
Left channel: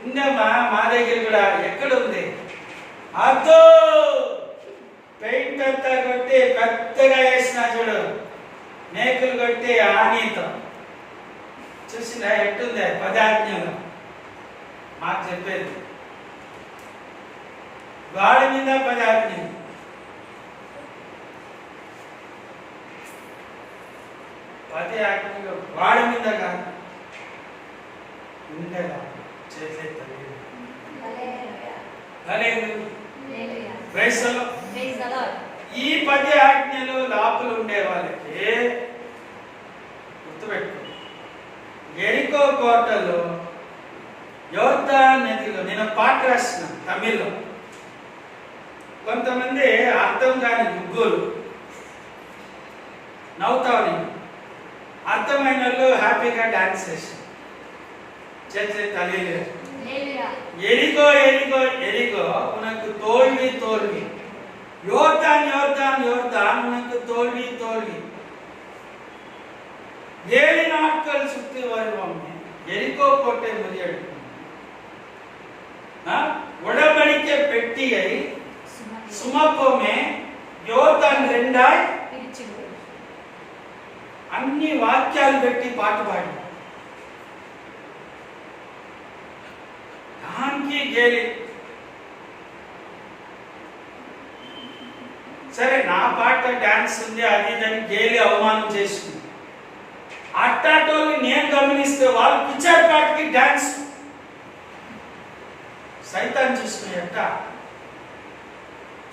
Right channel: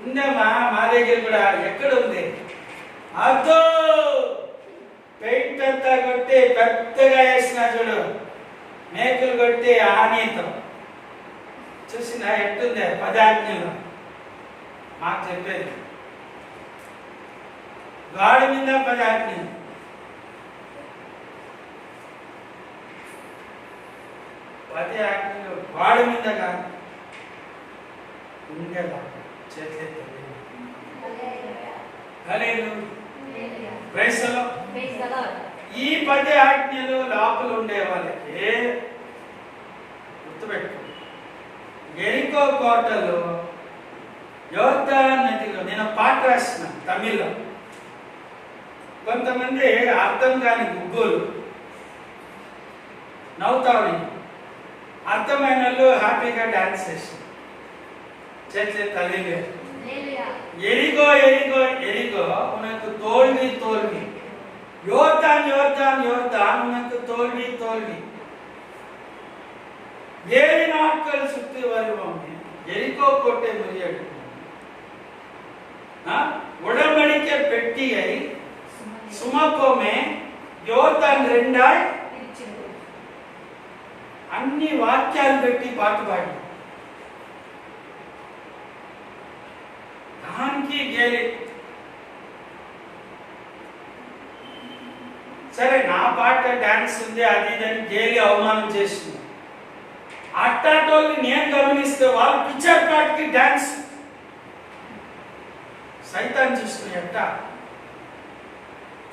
ఉందమ్మా, మా దగ్గర కూడా. ఎక్కడ ఉంది? అదో పెయింట్ అంతా కొట్టి పెద్దగా వేసిన చూడు, మేకులు కొట్టి ఆనీతో చూసిన ఎట్టుంది 10 ఆజ్ఞలు. మాకు చెప్పేది గాడి మీద 10 ఆజ్ఞలు. 10 ఆజ్ఞలు గాడి మీద కాదు, ఉండే కాదు. చేతులెత్తాలి. ఈ 10 ఆజ్ఞలు లోపల ఉండే వాళ్ళకి గుర్తుపెట్టుకో. ఎరికో కోటలో యోర్దాను నదిలో నేను పాట రాసిన తమిళ్లో. కొంతమంది అర్థం కాని గుగ్గులు నవ్వుతావు, అర్థమైన వాళ్ళు హ్యాపీగా డాన్స్ చేసి చేతులే తల్లి. ఎరిగో ఎరిగో ఎరిగో ఉనకు తోల్వి తోల్వి, யோர்தான் யோர்தான் யோர்தான் உனக்கு தோல்வி தோல்வி. 7 நாட்கள் சுற்றி வருவோமே, எரிகோ கோட்டை முறியடிக்கும். உடன்படிக்கை பெட்டியை சுமப்போமே, யோர்தான் 2ஆய் అన్ని వాక్యాలు పెట్టి పాట పాడి మంకీ గేలి. సరే నా పాట డాన్స్ ఉంది అది ఇదని గేలి అవమానం చేస్తుంది. అట్టాటోళ్ళని నేను గమనిస్తే వాళ్ళు పిక్చర్ పాటకి డాన్స్ సైతాన్ చూసుకుని ఎట్ట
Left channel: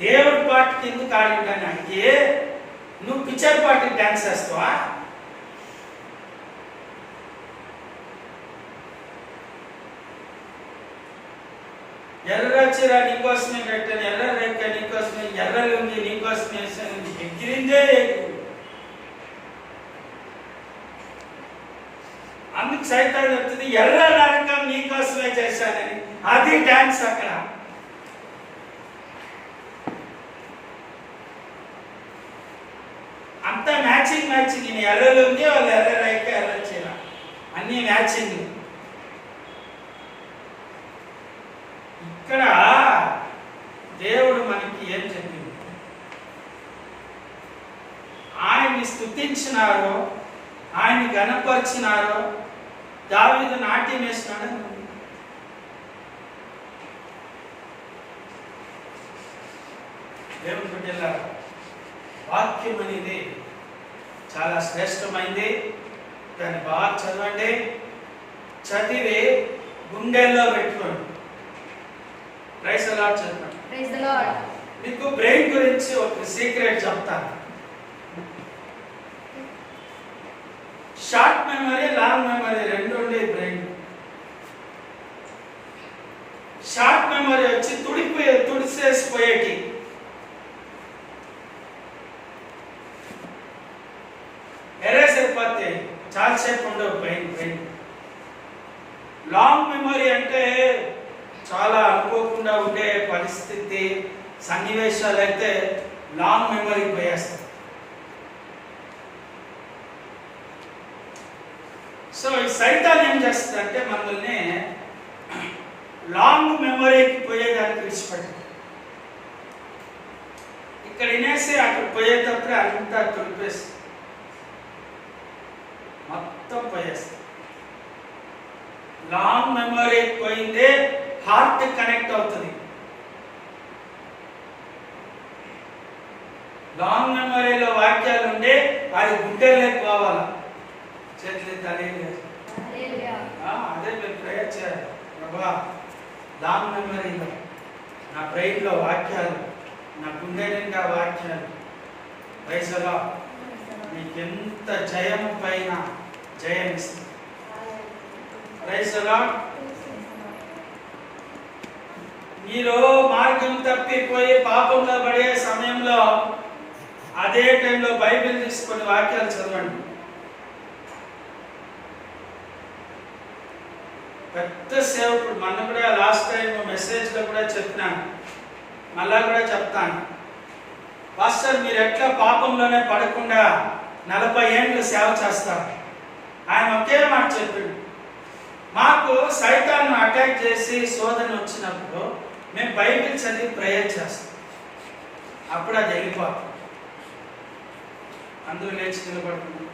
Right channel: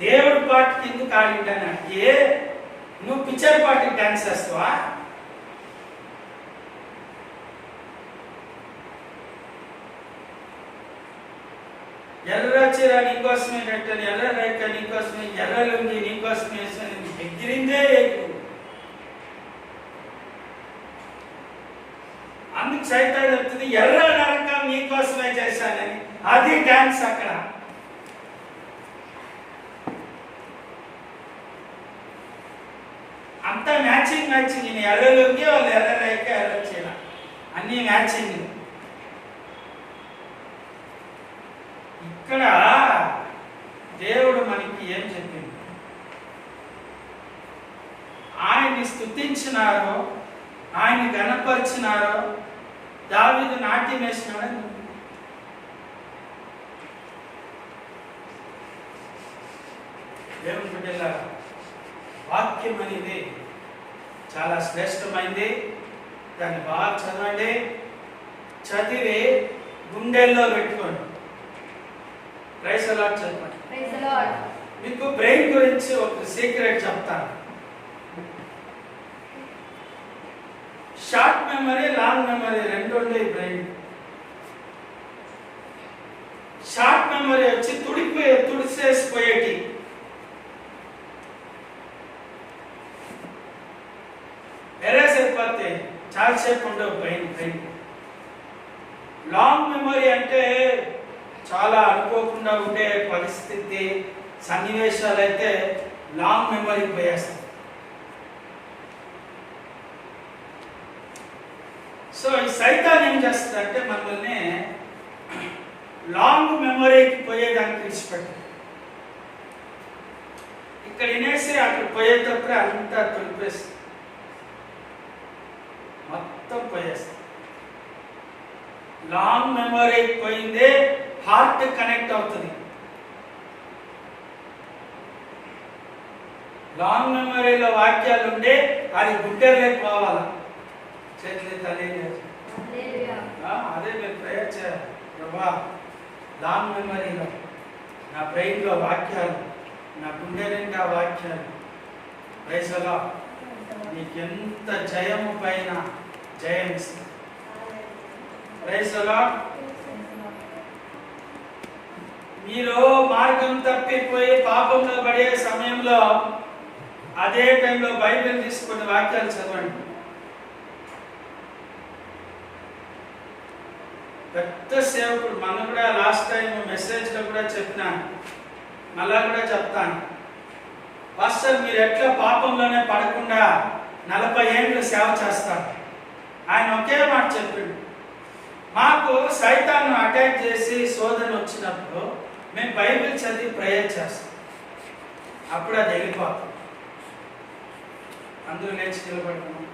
దేవుడి పాటకి ఎందుకు ఆడింటాను అంటే నువ్వు పిక్చర్ పాటకి డాన్స్ చేస్తావా? ఎర్ర చీర నీకోసమే కట్టాను, ఎర్ర రేఖ నీకోసమే, ఎర్ర లుంగి నీకోసమే ఎగిరిందే ఎగురు. అందుకు సైతాన్ చెప్తుంది ఎర్ర నరకం నీకోసమే చేశానని. అది డాన్స్ అక్కడ. అంతా మ్యాచింగ్ మ్యాచింగ్. ఎర్ర లుంగి వాళ్ళు ఎర్ర రేఖ ఎర్ర చీర అన్ని మ్యాచింగ్. ఇక్కడ దేవుడు మనకి ఏం చెప్పింది? ఆయన్ని స్తుతించినారో, ఆయన్ని గణపరిచినారో, దావీదు నాట్యం వేసినాడని ఉంది. దేవుని బిడ్డలారా, వాక్యం అనేది చాలా శ్రేష్టమైంది. దాన్ని బాగా చదవండి, చదివి గుండెల్లో పెట్టుకోండి. ప్రైజ్ ది లార్డ్ చెప్పండి. Praise the lord. మీకు బ్రెయిన్ గురించి ఒక సీక్రెట్ చెప్తాను. షార్ట్ మెమరీ, లాంగ్ మెమరీ రెండు ఉండే బ్రెయిన్. షార్ట్ మెమరీ వచ్చి తుడిసేసిపోయేటి. ఎరేస్ అయిపోతే చాలాసేపు ఉండవు బ్రెయిన్. లాంగ్ మెమరీ అంటే చాలా అనుకోకుండా ఉండే పరిస్థితి సన్నివేశాలు అయితే లాంగ్ మెమరీకి పోయేస్తాయి. సో ఈ సైతాన్ ఏం చేస్తుందంటే మనల్ని లాంగ్ మెమరీకి పోయేదానికి విడిచిపెట్టాలి. ఇక్కడ వినేసి అక్కడ పోయేటప్పుడే అంతా తొలిపేసి మొత్తం పోయేస్తుంది. లాంగ్ మెమరీకి పోయిందే హార్ట్ కనెక్ట్ అవుతుంది. లాంగ్ మెమరీలో వాక్యాలు ఉండే అది గుండెల్లోకి పోవాలా. చేతులే తెలియలేదు. అదే మీరు ప్రేయర్ చేయాలి. ప్రభా, లాంగ్ మెమరీలో నా బ్రెయిన్లో వాక్యాలు, నా గుండె నిండా వాక్యాలు. Praise the lord. నీకెంత జయము పైన జయం ఇస్తుంది. Praise the lord. మీరు మార్గం తప్పిపోయి పాపంలో పడే సమయంలో అదే టైంలో బైబిల్ తీసుకొని వాక్యాలు చదవండి. పెద్ద సేవకుడు మన కూడా లాస్ట్ టైం మెసేజ్లో కూడా చెప్పినాను, మళ్ళా కూడా చెప్తాను. పాస్టర్ మీరు ఎట్లా పాపంలోనే పడకుండా 40 ఏళ్ళు సేవ చేస్తారు? ఆయన ఒకే మాట చెప్పిండు, మాకు సైతాన్ని అటాక్ చేసి శోధన వచ్చినప్పుడు మేము బైబిల్ చదివి ప్రేయర్ చేస్తాం. అప్పుడు అది వెళ్ళిపోతాం. అందరూ లేచి నిలబడుతున్నాం.